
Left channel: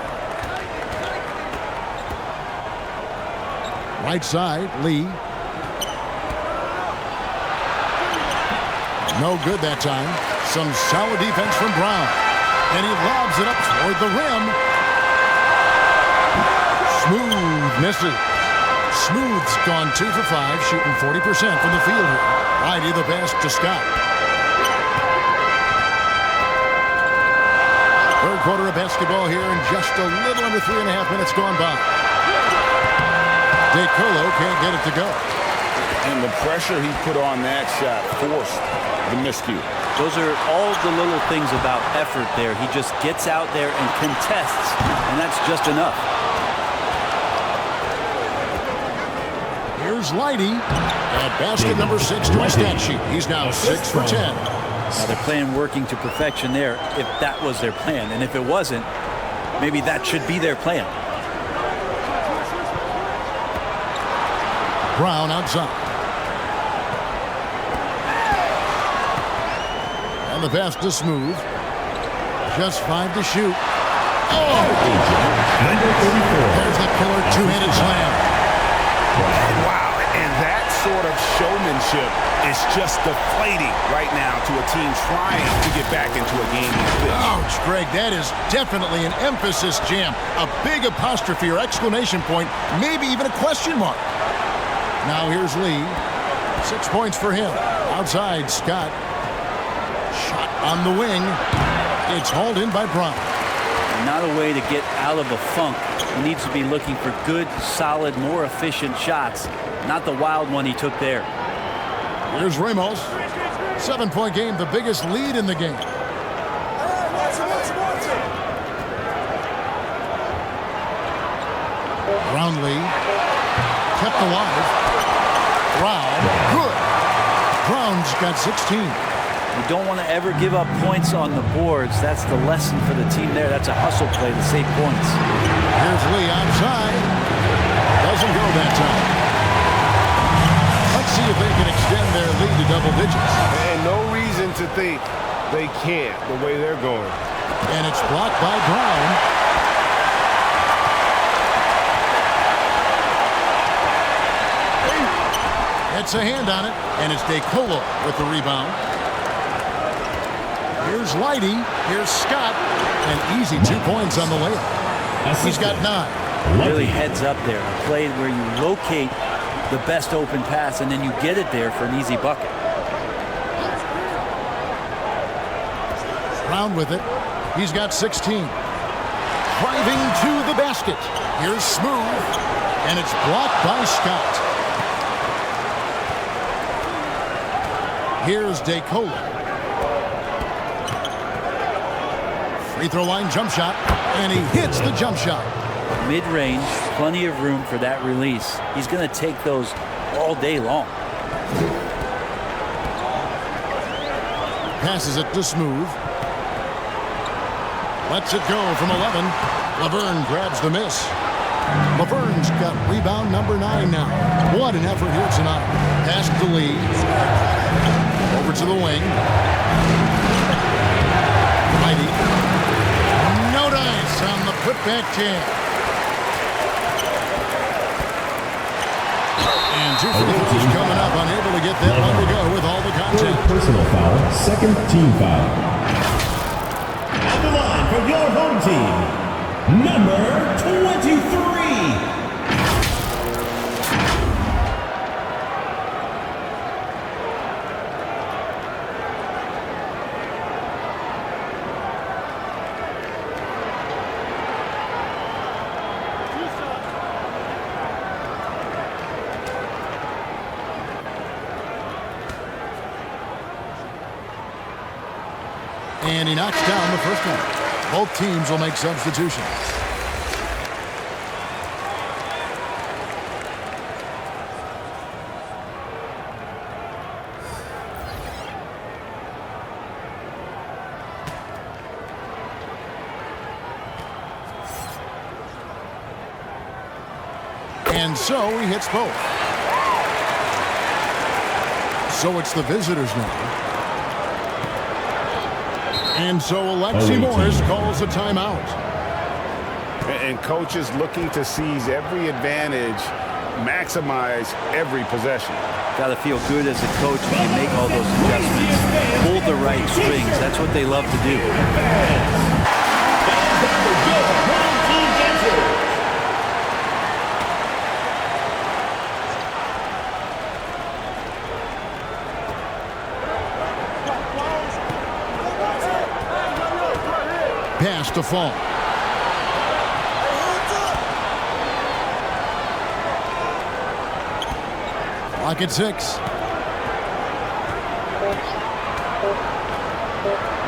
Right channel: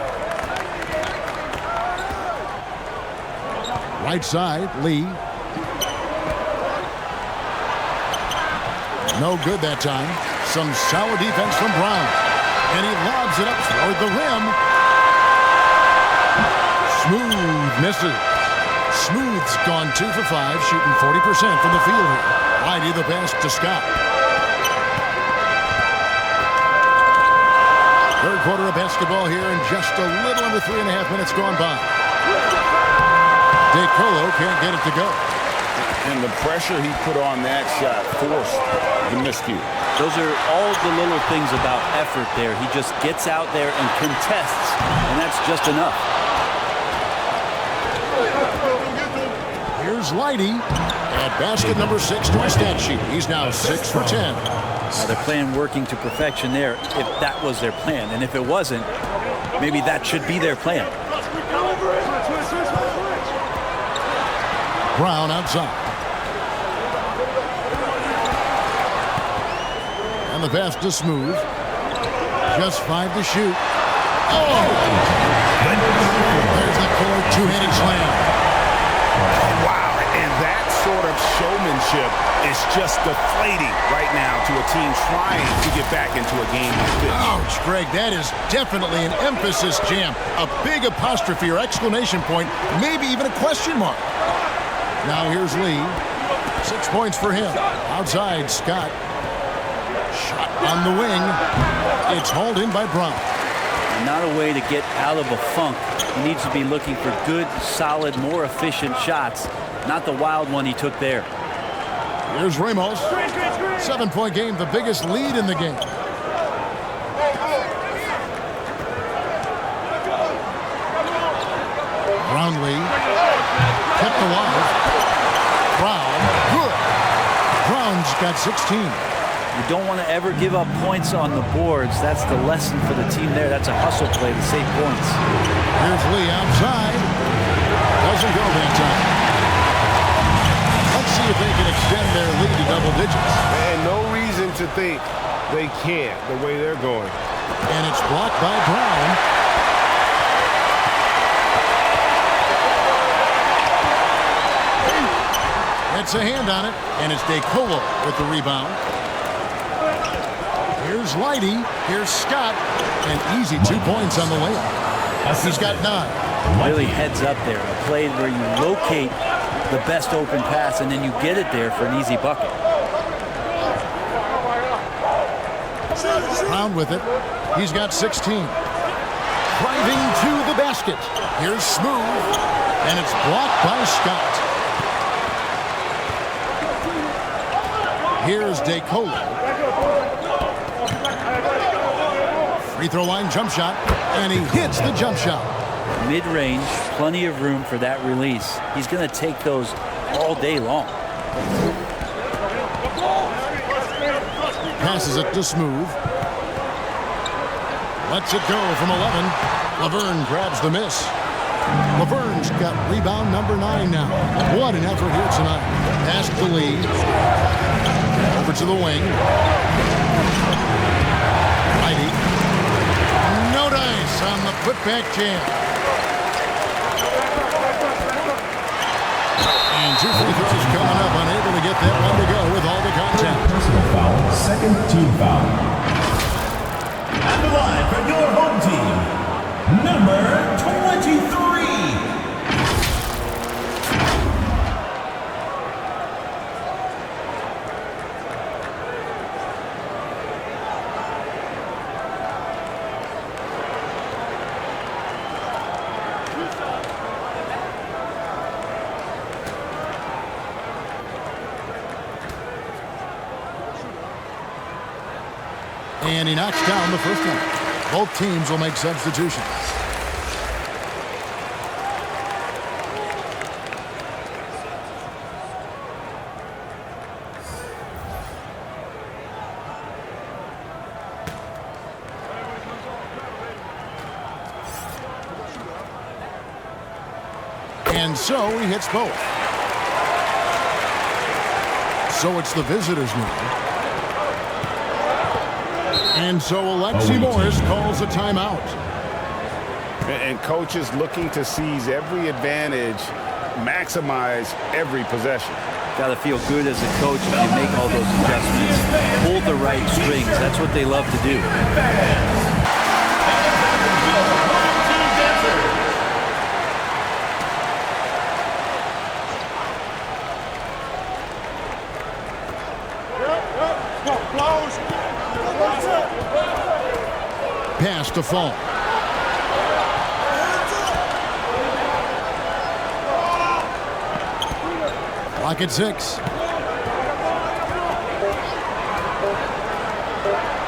Right side, Lee. No good that time. Some solid defense from Brown. And he lobs it up toward the rim. Smooth misses. Smooth's gone 2 for 5, shooting 40% from the field here. Whitey the pass to Scott. Third quarter of basketball here, and just a little under 3.5 minutes gone by. DeColo can't get it to go. And the pressure he put on that shot forced the miscue. Those are all the little things about effort there. He just gets out there and contests, and that's just enough. Here's Lighty at basket number 6 to his stat sheet. He's now 6 for 10. Now they're playing working to perfection there if that was their plan. And if it wasn't, maybe that should be their plan. Brown outside. And the pass to Smooth. Just 5 to shoot. Oh! There's the killer two-handed slam. Wow, and that sort of showmanship is just deflating right now to a team trying to get back into a game like this. Ouch, Greg, that is definitely an emphasis jam. A big apostrophe or exclamation point, maybe even a question mark. Now here's Lee. 6 points for him. Outside, Scott. Shot on the wing. It's hauled in by Brown. Not a way to get out of a funk. He needs to be looking for good, solid, more efficient shots. Not the wild one he took there. Here's Ramos. 7-point game, the biggest lead in the game. Brownlee kept alive. Brown, good. Brown's got 16. You don't want to ever give up points on the boards. That's the lesson for the team there. That's a hustle play to save points. Here's Lee outside. Doesn't go that time. Let's see if they can extend their lead to double digits. And no reason to think they can't the way they're going. And it's blocked by Brown. It's a hand on it, and it's DeColo with the rebound. Here's Lighty. Here's Scott. And easy 2 points on the layup. He's got 9. Really heads up there. A play where you locate the best open pass, and then you get it there for an easy bucket. Brown with it. He's got 16. driving to the basket. Here's Smooth, and it's blocked by Scott. Here's DeColo. Free throw line jump shot, and he hits the jump shot. Mid-range, plenty of room for that release. He's going to take those all day long. Passes it to Smooth. Lets it go from 11. Laverne grabs the miss. Laverne's got rebound number 9 now. What an effort here tonight. Pass to Lee. Over to the wing. Righty. No dice on the putback jam. And 2 free throws coming up. Unable to get that one to go with all the contact. Personal foul, second team foul. At the line for your home team, number 23. And he knocks down the first one. Both teams will make substitutions. And so he hits both. So it's the visitors now. And so Alexi Morris calls a timeout. And coaches looking to seize every advantage, maximize every possession. Got to feel good as a coach if you make all those adjustments. Pull the right strings. That's what they love to do. Pass to Fall. Clock at 6.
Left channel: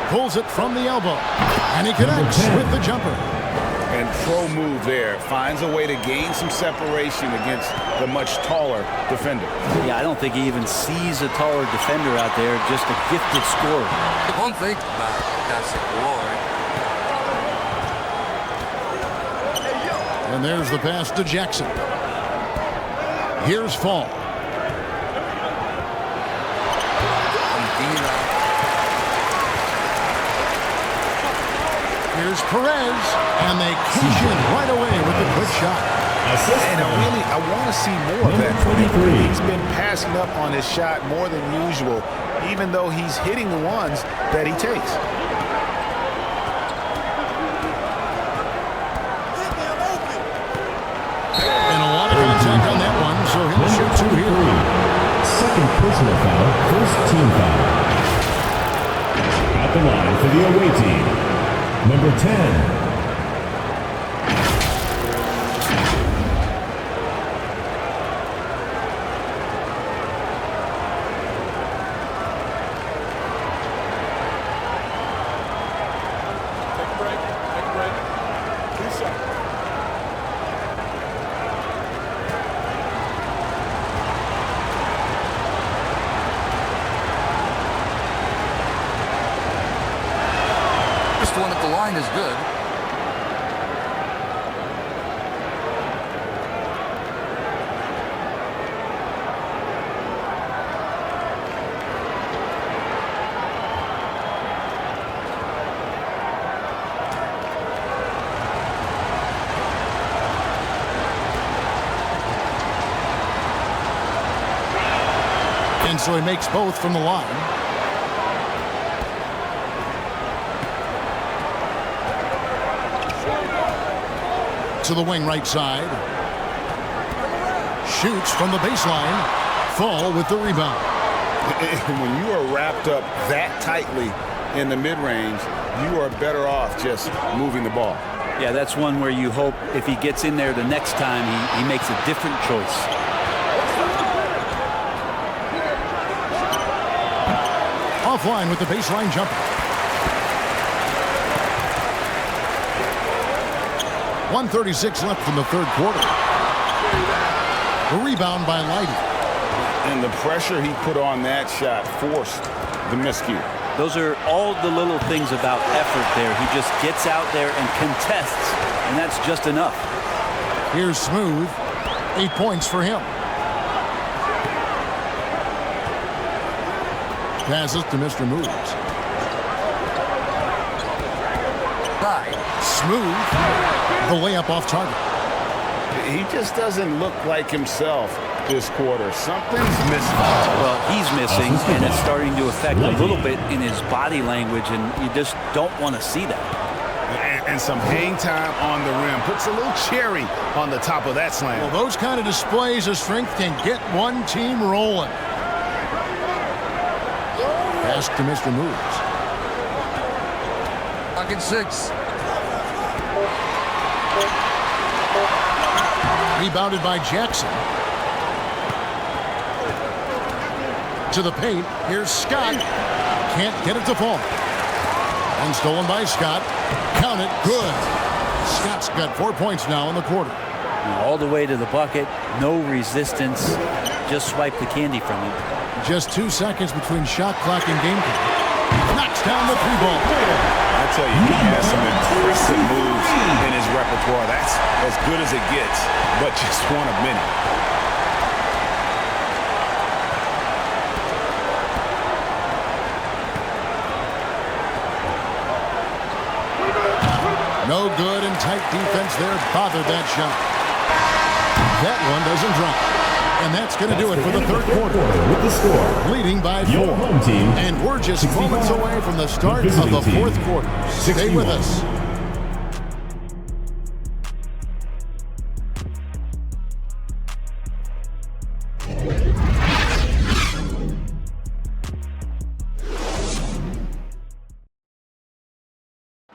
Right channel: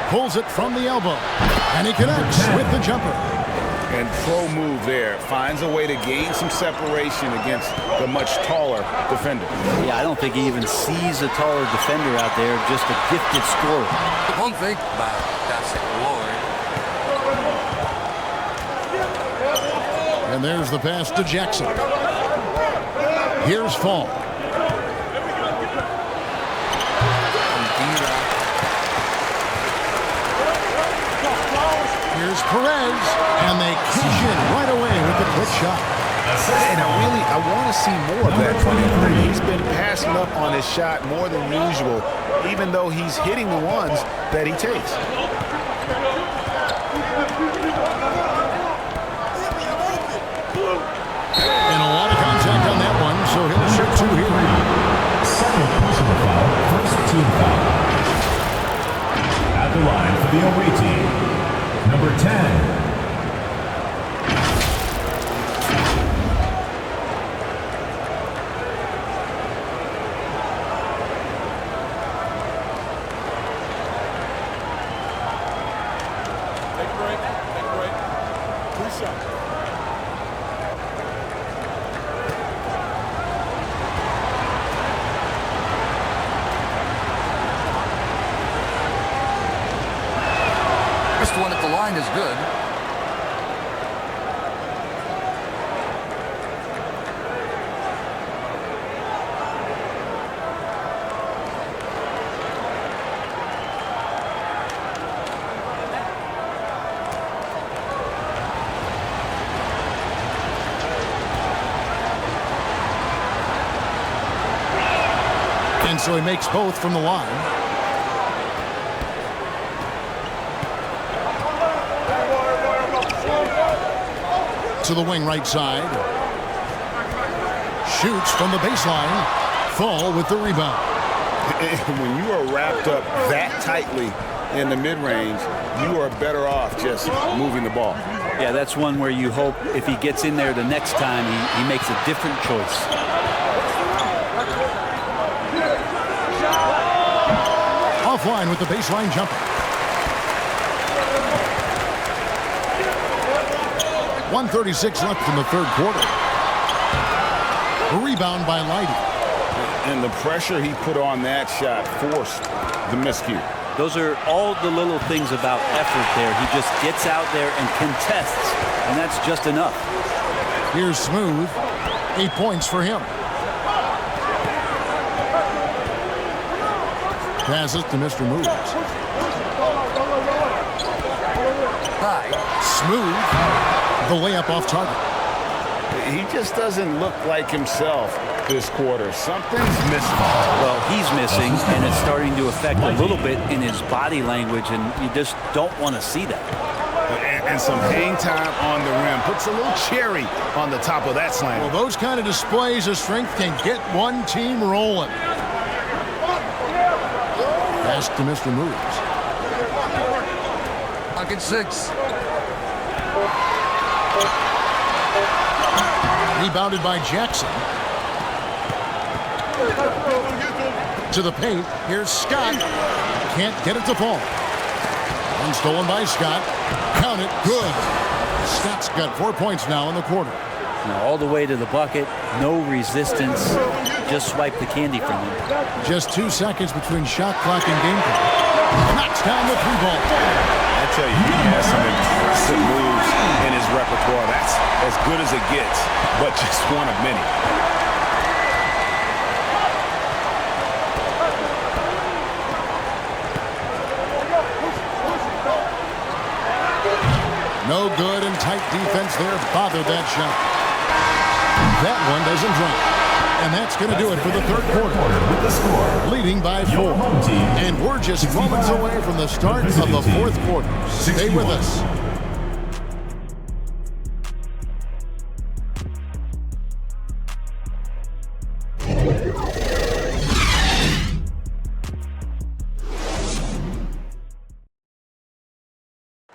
Pulls it from the elbow. And he connects with the jumper. And pro move there. Finds a way to gain some separation against the much taller defender. Yeah, I don't think he even sees a taller defender out there. Just a gifted scorer. One thing about that award. And there's the pass to Jackson. Here's Fall. Here's Perez, and they cash in right away with the quick shot. And I want to see more of that from him. He's been passing up on his shot more than usual, even though he's hitting the ones that he takes. And a lot of contact on that one, so he'll shoot 2 here. Second personal foul, first team foul. At the line for the away team, number 10. Take a break. Take a break. 2 shots. First one at the line is good. And so he makes both from the line. To the wing right side. Shoots from the baseline. Fall with the rebound. When you are wrapped up that tightly in the mid-range, you are better off just moving the ball. Yeah, that's one where you hope if he gets in there the next time, he makes a different choice. Offline with the baseline jumper. 1:36 left in the third quarter. A rebound by Lighty. And the pressure he put on that shot forced the miscue. Those are all the little things about effort there. He just gets out there and contests, and that's just enough. Here's Smooth. 8 points for him. Passes to Mr. Moves. Smooth. The layup off target. He just doesn't look like himself this quarter. Something's missing. Well, he's missing, and it's starting to affect a little bit in his body language, and you just don't want to see that. And some hang time on the rim. Puts a little cherry on the top of that slam. Well, those kind of displays of strength can get one team rolling. Pass to Mr. Moves. Pocket 6. Rebounded by Jackson. To the paint. Here's Scott. Can't get it to fall. And stolen by Scott. Count it. Good. Scott's got 4 points now in the quarter. Now all the way to the bucket. No resistance. Just swipe the candy from him. Just 2 seconds between shot clock and game clock. Knocks down the 3-ball. I tell you, he has some impressive moves in his repertoire. That's as good as it gets, but just one of many. No good, and tight defense there bothered that shot. That one doesn't drop. And that's going to do it for the third quarter. With the score, leading by 4. your home team. And we're just moments away from the start of the fourth quarter. Stay with us.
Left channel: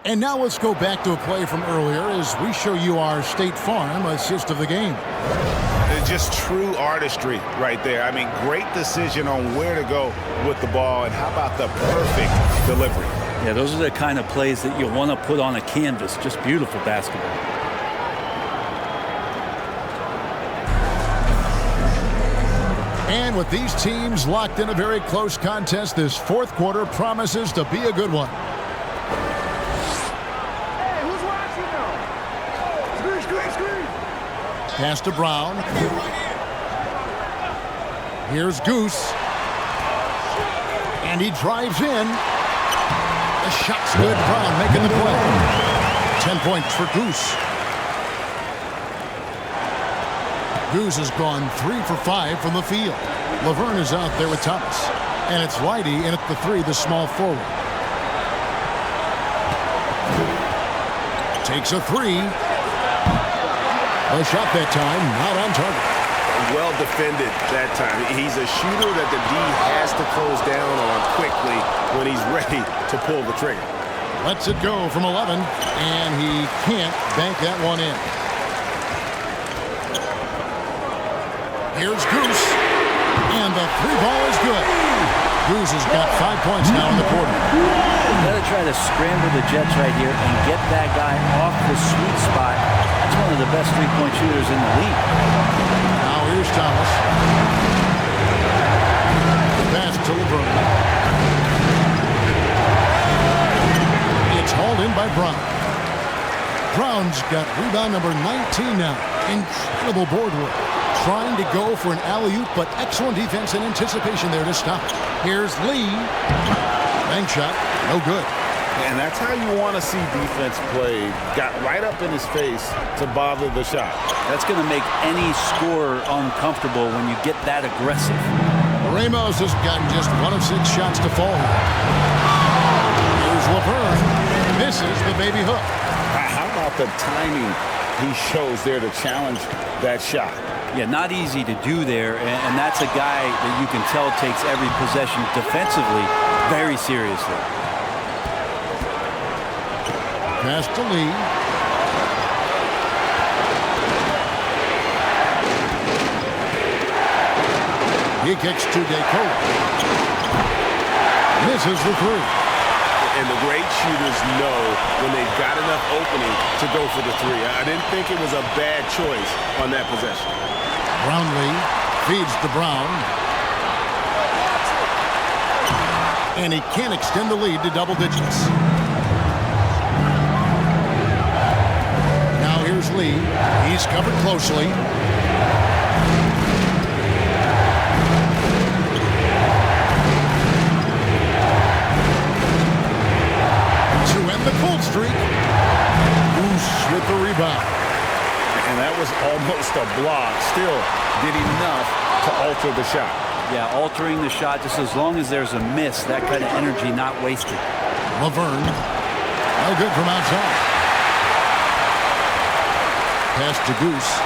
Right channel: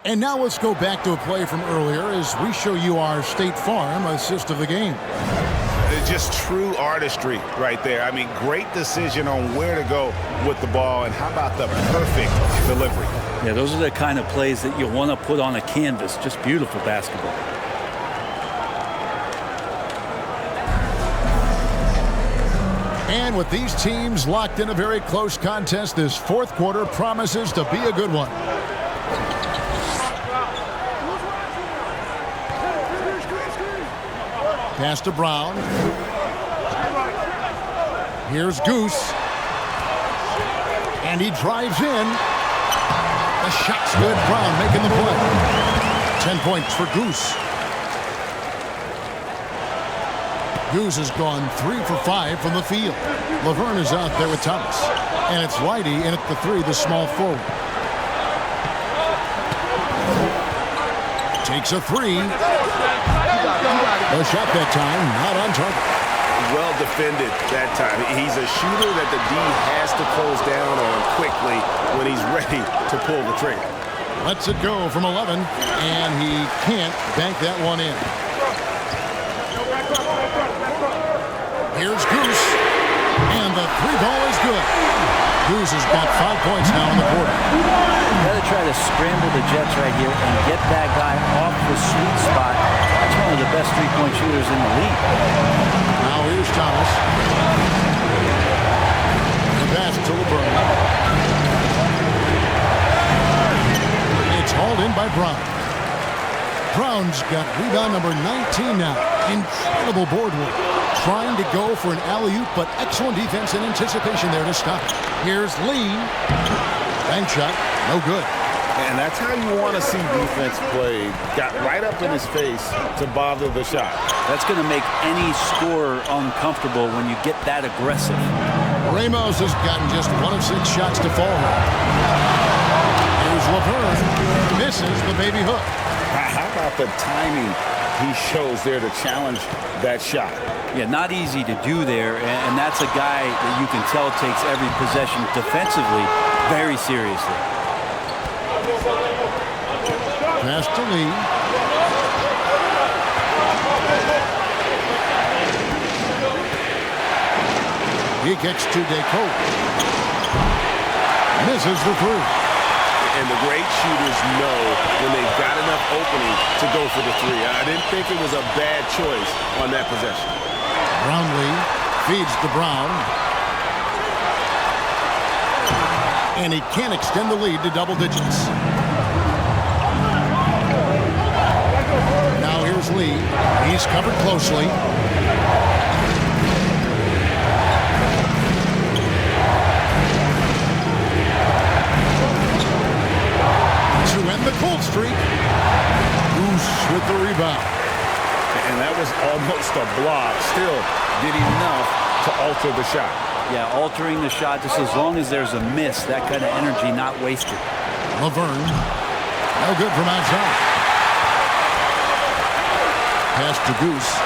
And now let's go back to a play from earlier as we show you our State Farm assist of the game. Just true artistry right there. I mean, great decision on where to go with the ball, and how about the perfect delivery? Yeah, those are the kind of plays that you want to put on a canvas. Just beautiful basketball. And with these teams locked in a very close contest, this fourth quarter promises to be a good one. Pass to Brown. Here's Goose. And he drives in. The shot's good. Brown making the play. 10 points for Goose. Goose has gone 3 for 5 from the field. Laverne is out there with Thomas. And it's Lighty in at the 3, the small forward. Takes a 3. The shot that time, not on target. Well defended that time. He's a shooter that the D has to close down on quickly when he's ready to pull the trigger. Lets it go from 11, and he can't bank that one in. Here's Goose, and the 3-ball is good. Goose has got 5 points now in the quarter. Got to try to scramble the Jets right here and get that guy off the sweet spot. That's one of the best three-point shooters in the league. Now here's Thomas. The pass to LeBron. It's hauled in by Brown. Brown's got rebound number 19 now. Incredible board work. Trying to go for an alley-oop, but excellent defense and anticipation there to stop it. Here's Lee. Bank shot, no good. And that's how you want to see defense played. Got right up in his face to bother the shot. That's going to make any scorer uncomfortable when you get that aggressive. Ramos has gotten just 1 of 6 shots to fall here. Here's Laverne. Misses the baby hook. How about the timing he shows there to challenge that shot? Yeah, not easy to do there, and that's a guy that you can tell takes every possession defensively very seriously. Pass to Lee. He kicks to DeCola. Misses the three. And the great shooters know when they've got enough opening to go for the three. I didn't think it was a bad choice on that possession. Brownlee feeds to Brown. And he can't extend the lead to double digits. Now here's Lee. He's covered closely. To end the cold streak. Goose with the rebound. And that was almost a block. Still did enough to alter the shot. Yeah, altering the shot just as long as there's a miss. That kind of energy not wasted. Laverne. No good from outside. Pass to Goose.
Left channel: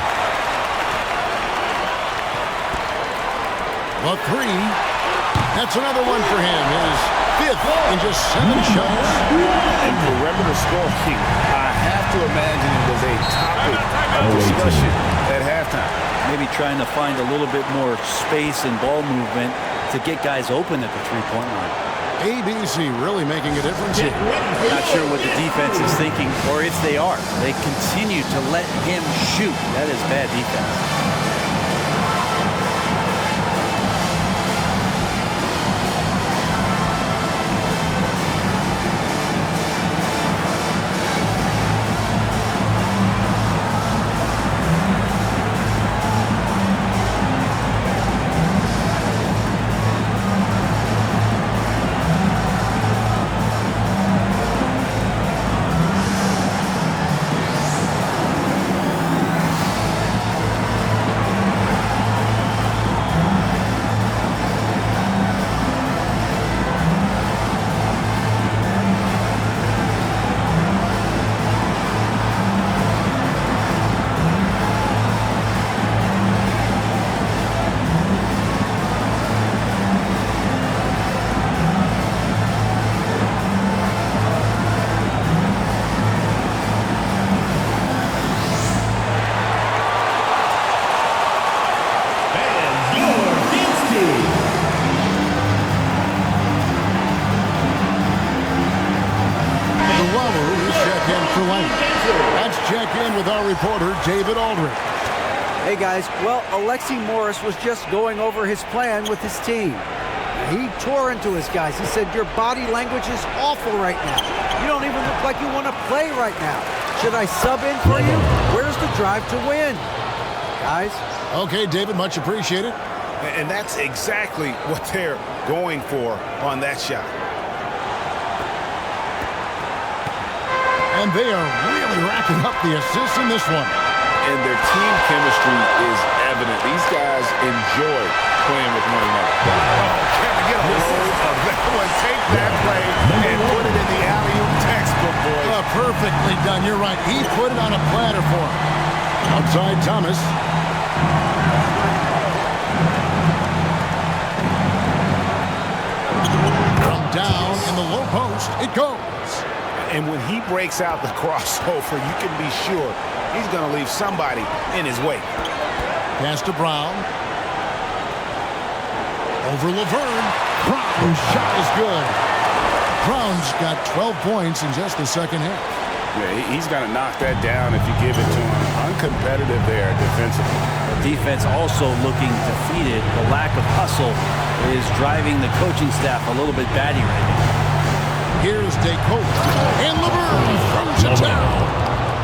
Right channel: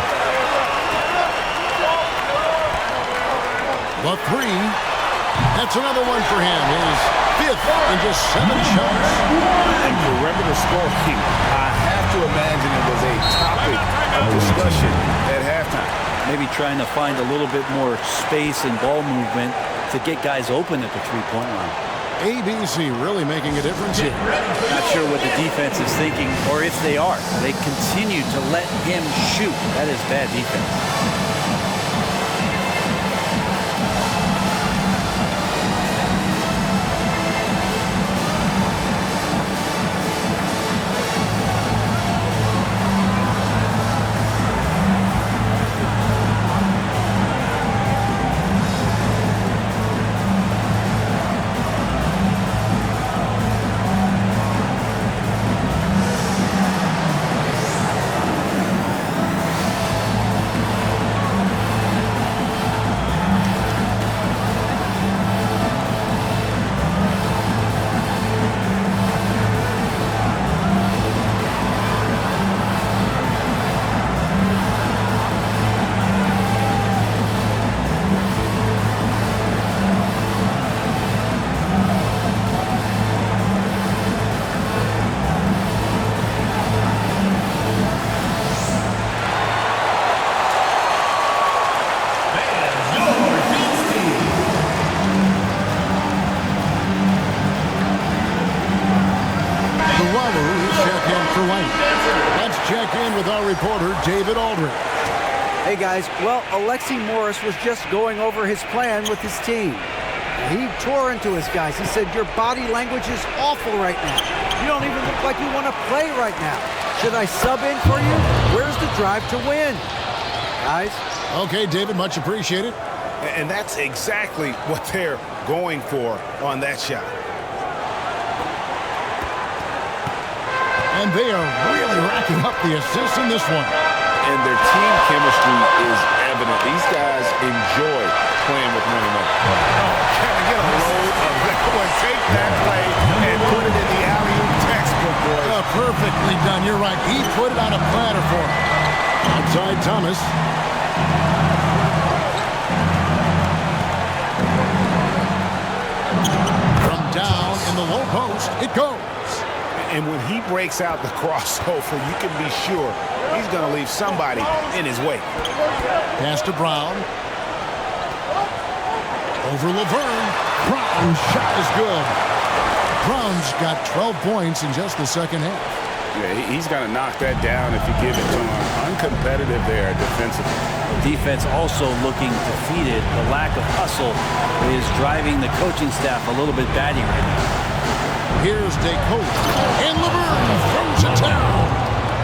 The three. That's another one for him. His fifth in just 7 shots. And perimeter scoring, I have to imagine it was a topic of discussion at halftime. Maybe trying to find a little bit more space and ball movement to get guys open at the three-point line. ABC really making a difference here. Not sure what the defense is thinking, or if they are. They continue to let him shoot. That is bad defense. Let's check in with our reporter, David Aldridge. Hey, guys. Well, Alexi Morris was just going over his plan with his team. He tore into his guys. He said, your body language is awful right now. You don't even look like you want to play right now. Should I sub in for you? Where's the drive to win? Guys? Okay, David, much appreciated. And that's exactly what they're going for on that shot. And they are really racking up the assists in this one. And their team chemistry is evident. These guys enjoy playing with one another. Oh, can we get a load of that one? Take that play and put it in the alley-oop textbook, boys. Perfectly done. You're right. He put it on a platter for him. Outside Thomas. From down in the low post, it goes. And when he breaks out the crossover, you can be sure he's going to leave somebody in his wake. Pass to Brown. Over Laverne. Brown's shot is good. Brown's got 12 points in just the second half. Yeah, he's going to knock that down if you give it to him. Uncompetitive there defensively. The defense also looking defeated. The lack of hustle is driving the coaching staff a little bit batty right now. Here's DeCola, and Laverne throws it down.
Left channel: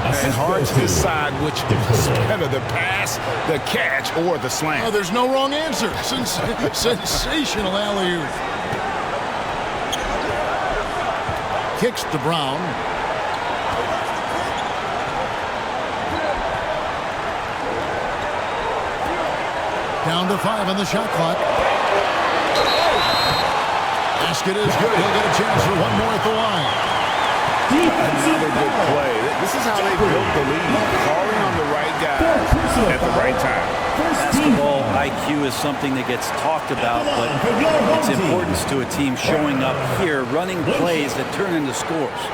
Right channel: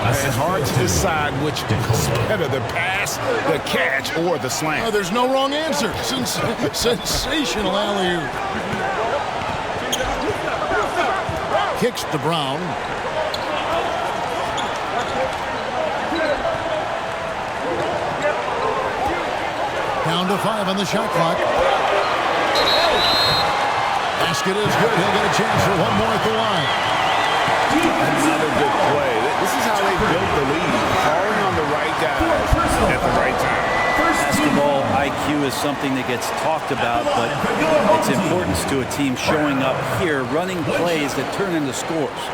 And hard to decide which was better, the pass, the catch, or the slam. Oh, there's no wrong answer. Sensational alley-oop. Kicks to Brown. Down to 5 on the shot clock. Basket is good. He'll get a chance for one more at the line. Another good play. This is how they built the lead. Calling on the right guys at the right time. Basketball IQ is something that gets talked about, but its importance to a team showing up here, running plays that turn into scores.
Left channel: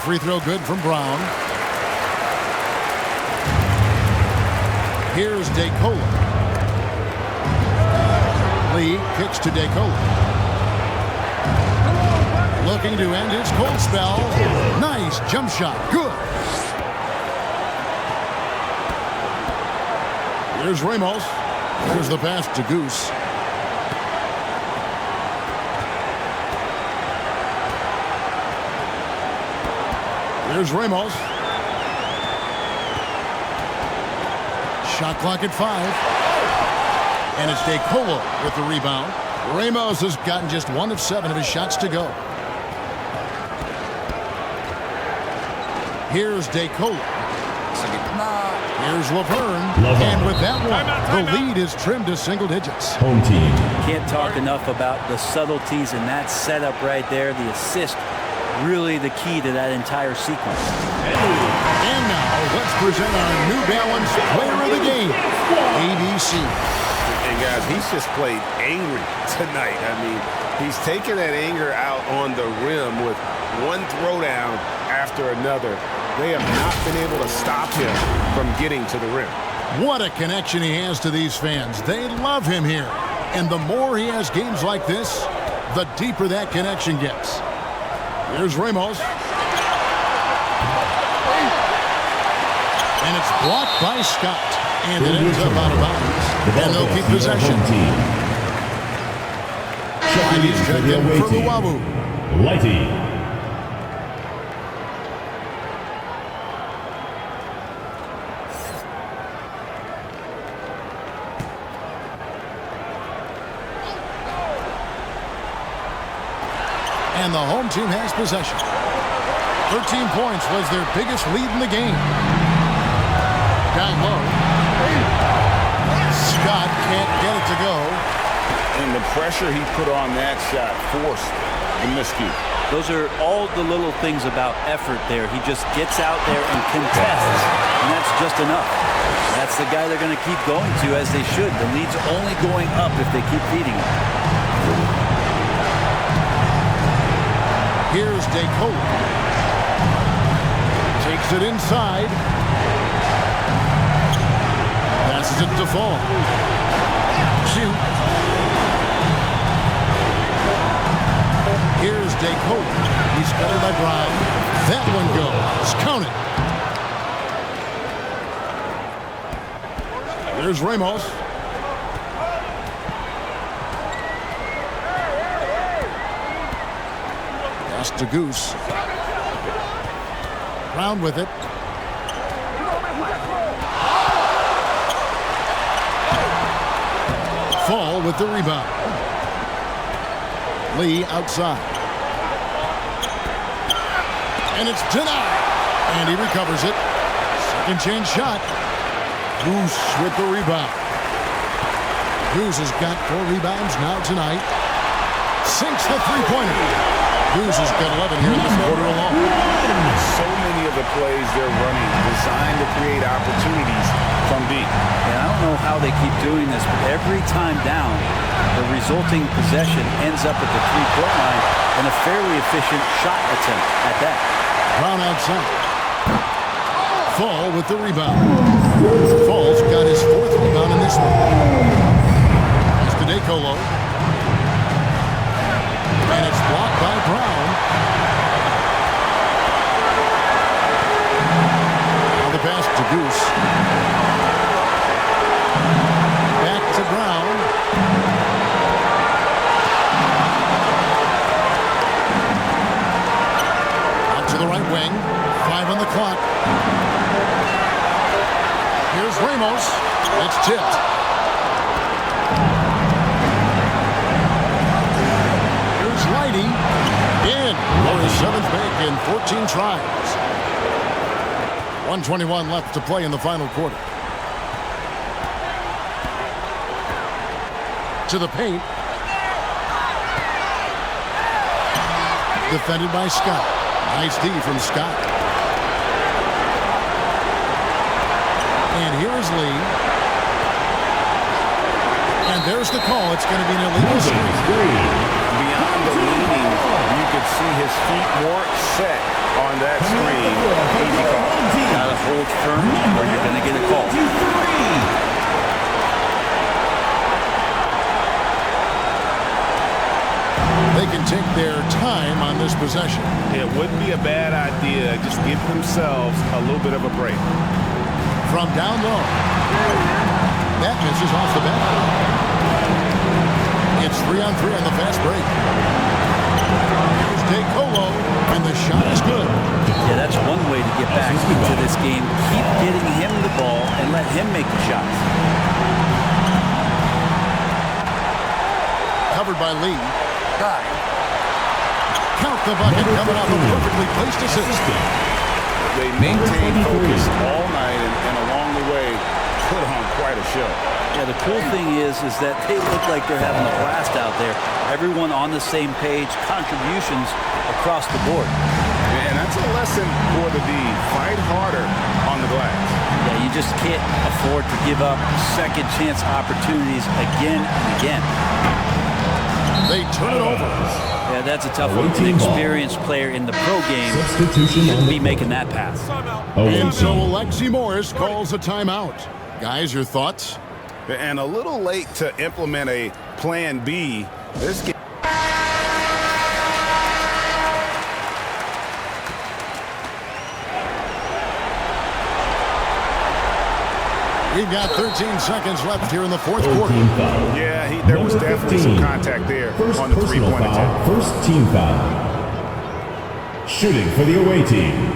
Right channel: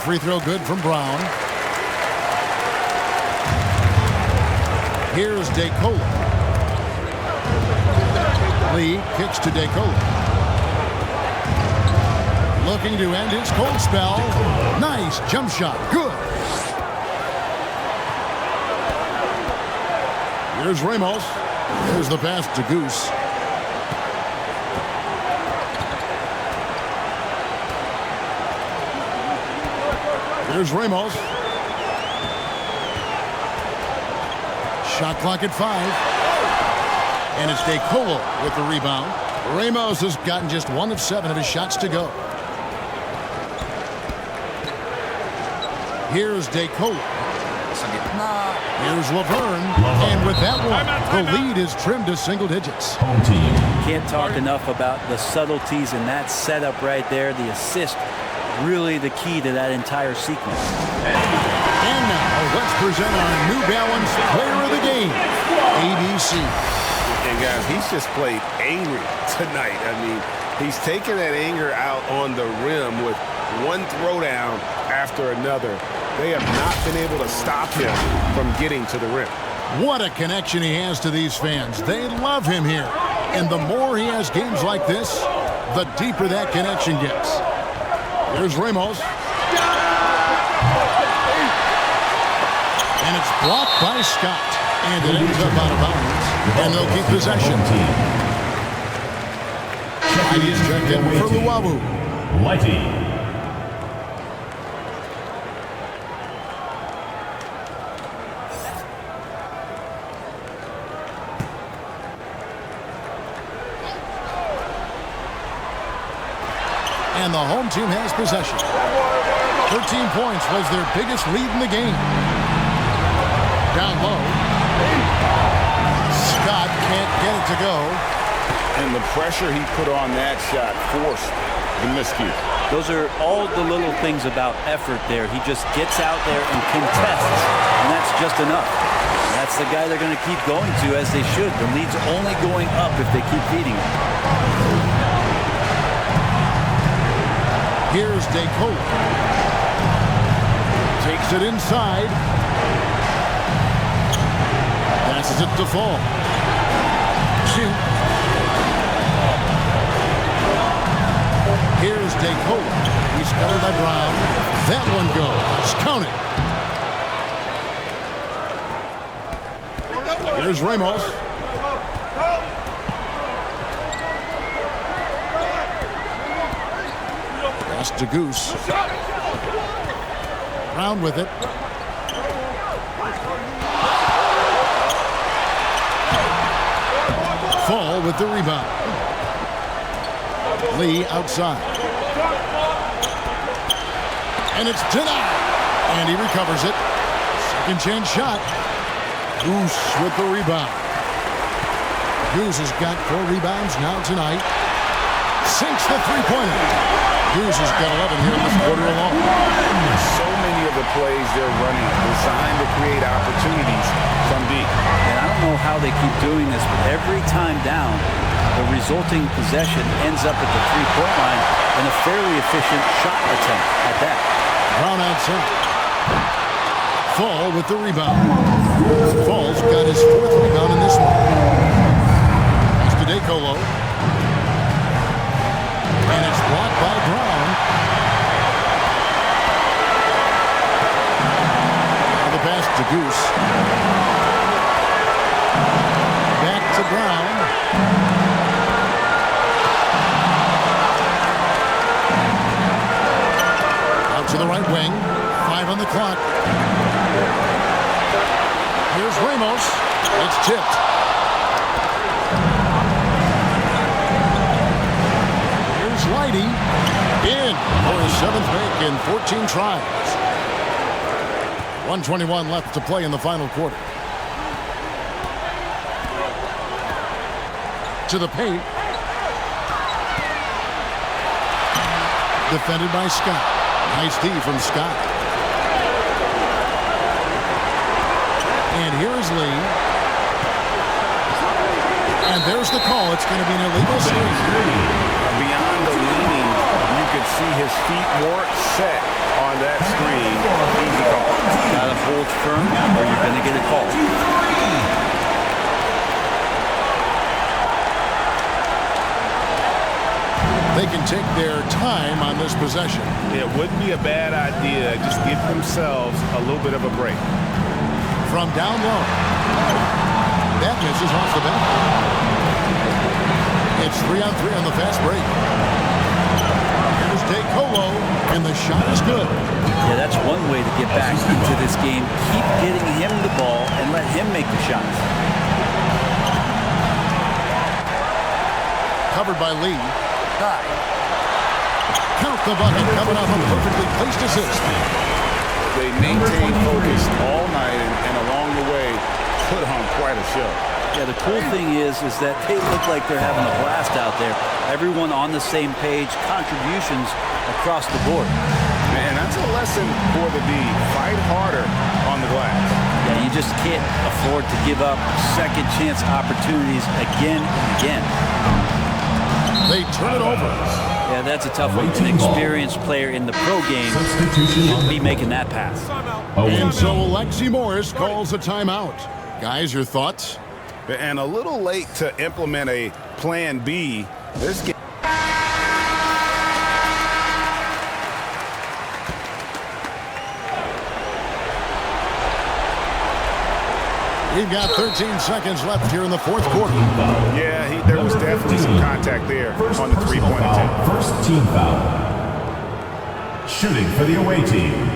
free throw good from Brown. Here's DeCola. Lee kicks to DeCola. Looking to end his cold spell. Nice jump shot. Good. Here's Ramos. There's the pass to Goose. Here's Ramos. Shot clock at 5. And it's DeColo with the rebound. Ramos has gotten just 1 of 7 of his shots to go. Here's DeColo. Here's Laverne. And with that one, the lead is trimmed to single digits. Home team. Can't talk enough about the subtleties in that setup right there. The assist, really the key to that entire sequence. And now, let's present our New Balance Player of the Game, ABC. And guys, he's just played angry tonight. I mean, he's taken that anger out on the rim with one throwdown after another. They have not been able to stop him from getting to the rim. What a connection he has to these fans. They love him here. And the more he has games like this, the deeper that connection gets. Here's Ramos. And it's blocked by Scott. And it ends up out of bounds. And they'll keep possession. He's checked in for Luawu. Lighty. And the home team has possession. 13 points was their biggest lead in the game. Down low. Scott can't get it to go. And the pressure he put on that shot forced the miscue. Those are all the little things about effort there. He just gets out there and contests, and that's just enough. That's the guy they're going to keep going to, as they should. The lead's only going up if they keep feeding him. Here's DeColo. Takes it inside. Passes it to Fall. Shoot. Here's DeColo. He's covered by Brown. That one goes. Count it. Here's Ramos. Pass to Goose. Brown with it. Fall with the rebound. Lee outside. And it's denied. And he recovers it. Second chance shot. Goose with the rebound. Goose has got 4 rebounds now tonight. Sinks the three-pointer. Goose has got 11 here in this quarter alone. So many of the plays they're running designed to create opportunities from deep. And I don't know how they keep doing this, but every time down, the resulting possession ends up at the three-point line in a fairly efficient shot attempt at that. Brown outside. Fall with the rebound. Fall's got his 4th rebound in this one. Pass to DeColo. And it's blocked by Brown. Now the pass to Goose. Back to Brown. Out to the right wing. 5 on the clock. Here's Ramos. It's tipped. Here's Lighty. In for his 7th make in 14 tries. 1:21 left to play in the final quarter. To the paint. Defended by Scott. Nice D from Scott. And here is Lee. And there's the call. It's going to be an illegal screen. beyond the leaning, you could see his feet weren't set on that screen. Easy call. Gotta hold firm or you're gonna get a call. They can take their time on this possession. It wouldn't be a bad idea. Just give themselves a little bit of a break. From down low. That misses off the bat. It's 3-on-3 on the fast break. Here's DeColo, and the shot is good. Yeah, that's one way to get back into this game. Keep getting him the ball and let him make the shots. Covered by Lee. Count the bucket, coming off a perfectly placed assist. They maintain focus all night and along the way put on quite a show. Yeah, the cool thing is that they look like they're having a blast out there. Everyone on the same page, contributions across the board. And that's a lesson for the D. Fight harder on the glass. Yeah, you just can't afford to give up second chance opportunities again and again. They turn it over. Yeah, that's a tough one. An experienced player in the pro game shouldn't be making that pass. And so Alexi Morris calls a timeout. Guys, your thoughts? And a little late to implement a plan B. This game. We've got 13 seconds left here in the fourth quarter. Yeah, there was definitely some contact there on the three-point attempt. First team foul. Shooting for the away team.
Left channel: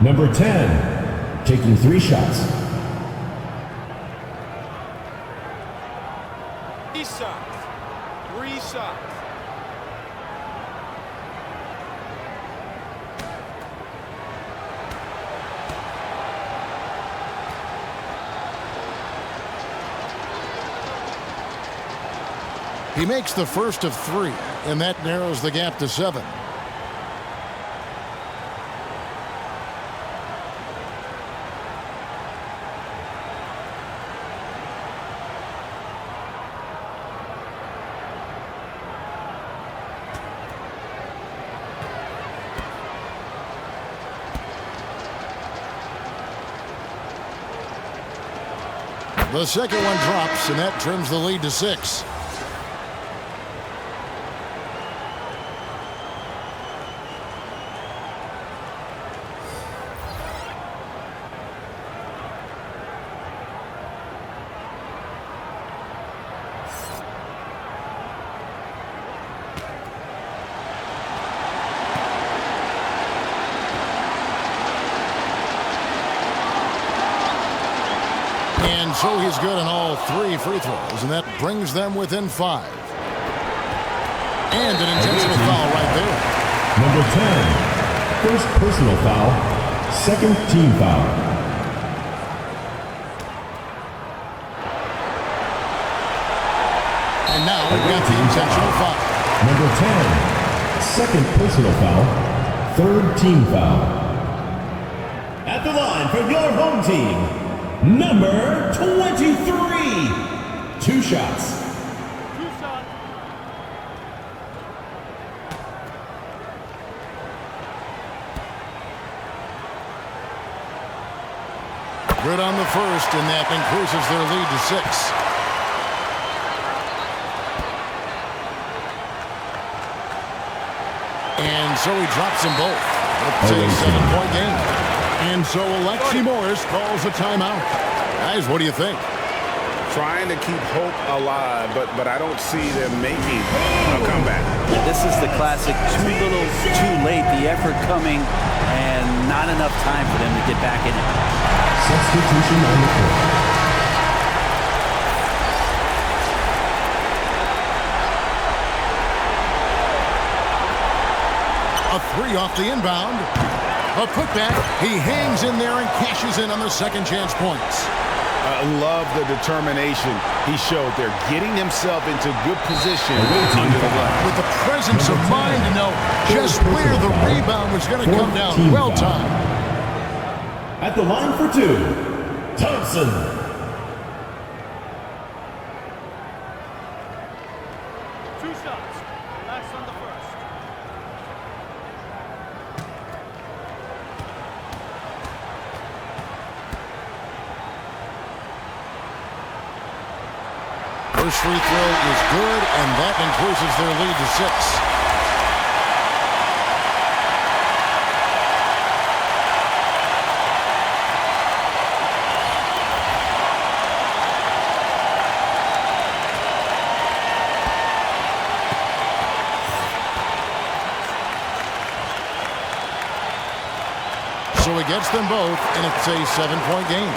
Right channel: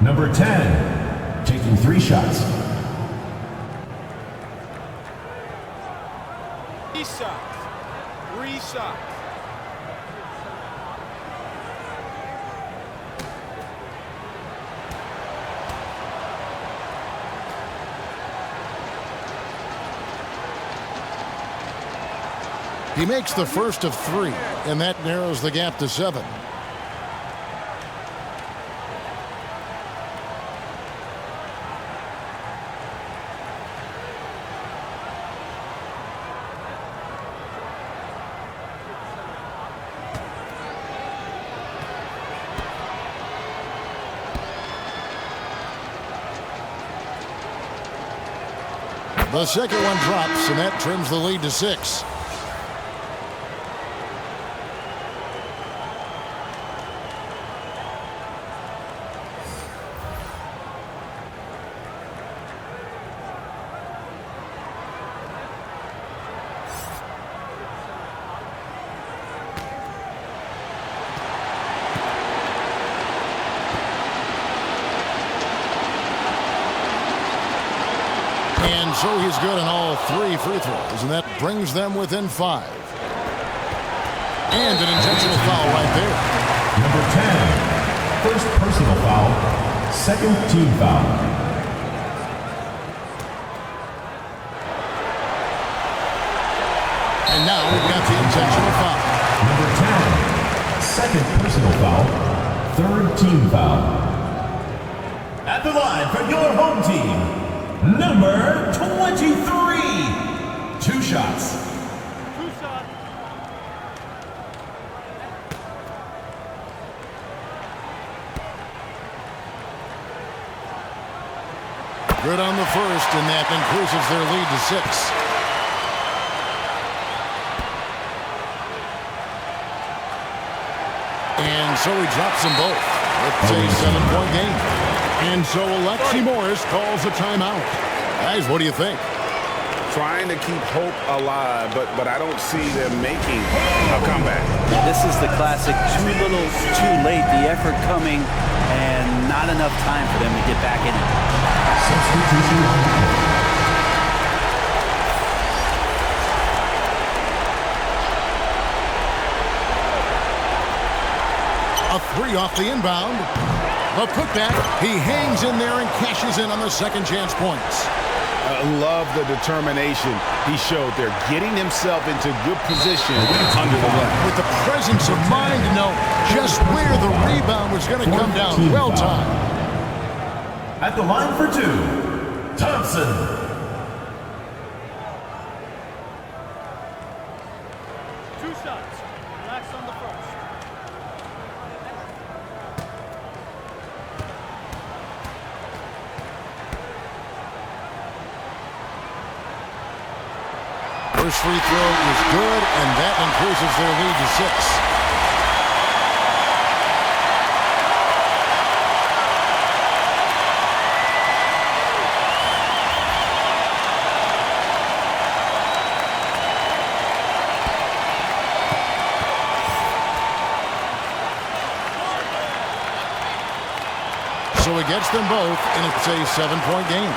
Number 10, taking 3 shots. 3 shots. 3 shots. He makes the first of 3, and that narrows the gap to 7. The second one drops, and that trims the lead to 6. And so he's good on all 3 free throws, and that brings them within 5. And an intentional foul right there. Number 10, first personal foul, second team foul. And now we've got the intentional foul. Number 10, second personal foul, third team foul. At the line for your home team, number 23, 2 shots. 2 shots. Good on the first, and that increases their lead to 6. And so he drops them both. It's a 7-point game. And so Alexi Morris calls a timeout. Guys, what do you think? Trying to keep hope alive, but I don't see them making a comeback. Yeah, this is the classic too little, too late. The effort coming and not enough time for them to get back in it. Substitution on the court. A 3 off the inbound. A putback. He hangs in there and cashes in on the second chance points. I love the determination he showed there, getting himself into good position under the glass. With the presence of mind to know just where the rebound was going to come down. Well timed. At the line for 2, Thompson. Two shots. First free throw is good, and that increases their lead to 6. So he gets them both, and it's a 7-point game.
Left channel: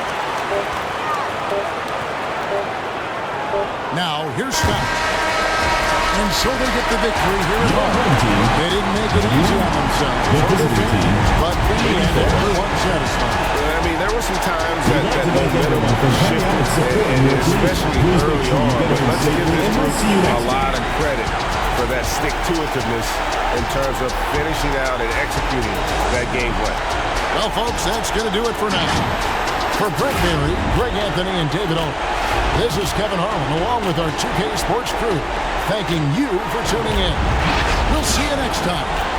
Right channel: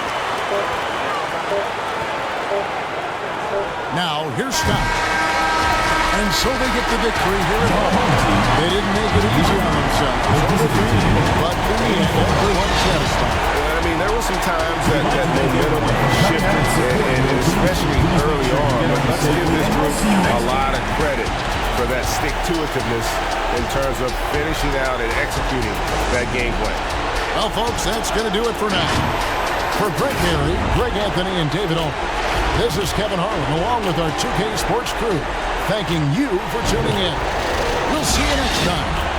Now, here's Scott. And so they get the victory here at home. They didn't make it easy on themselves or their fans, but in the end, everyone's satisfied. I mean, there were some times that momentum shifted, and especially early on, but let's give this group a lot of credit for that stick-to-itiveness in terms of finishing out and executing that game plan. Well, folks, that's going to do it for now. For Brent Berry, Greg Anthony, and David Ulrich, this is Kevin Harlan, along with our 2K Sports crew, thanking you for tuning in. We'll see you next time.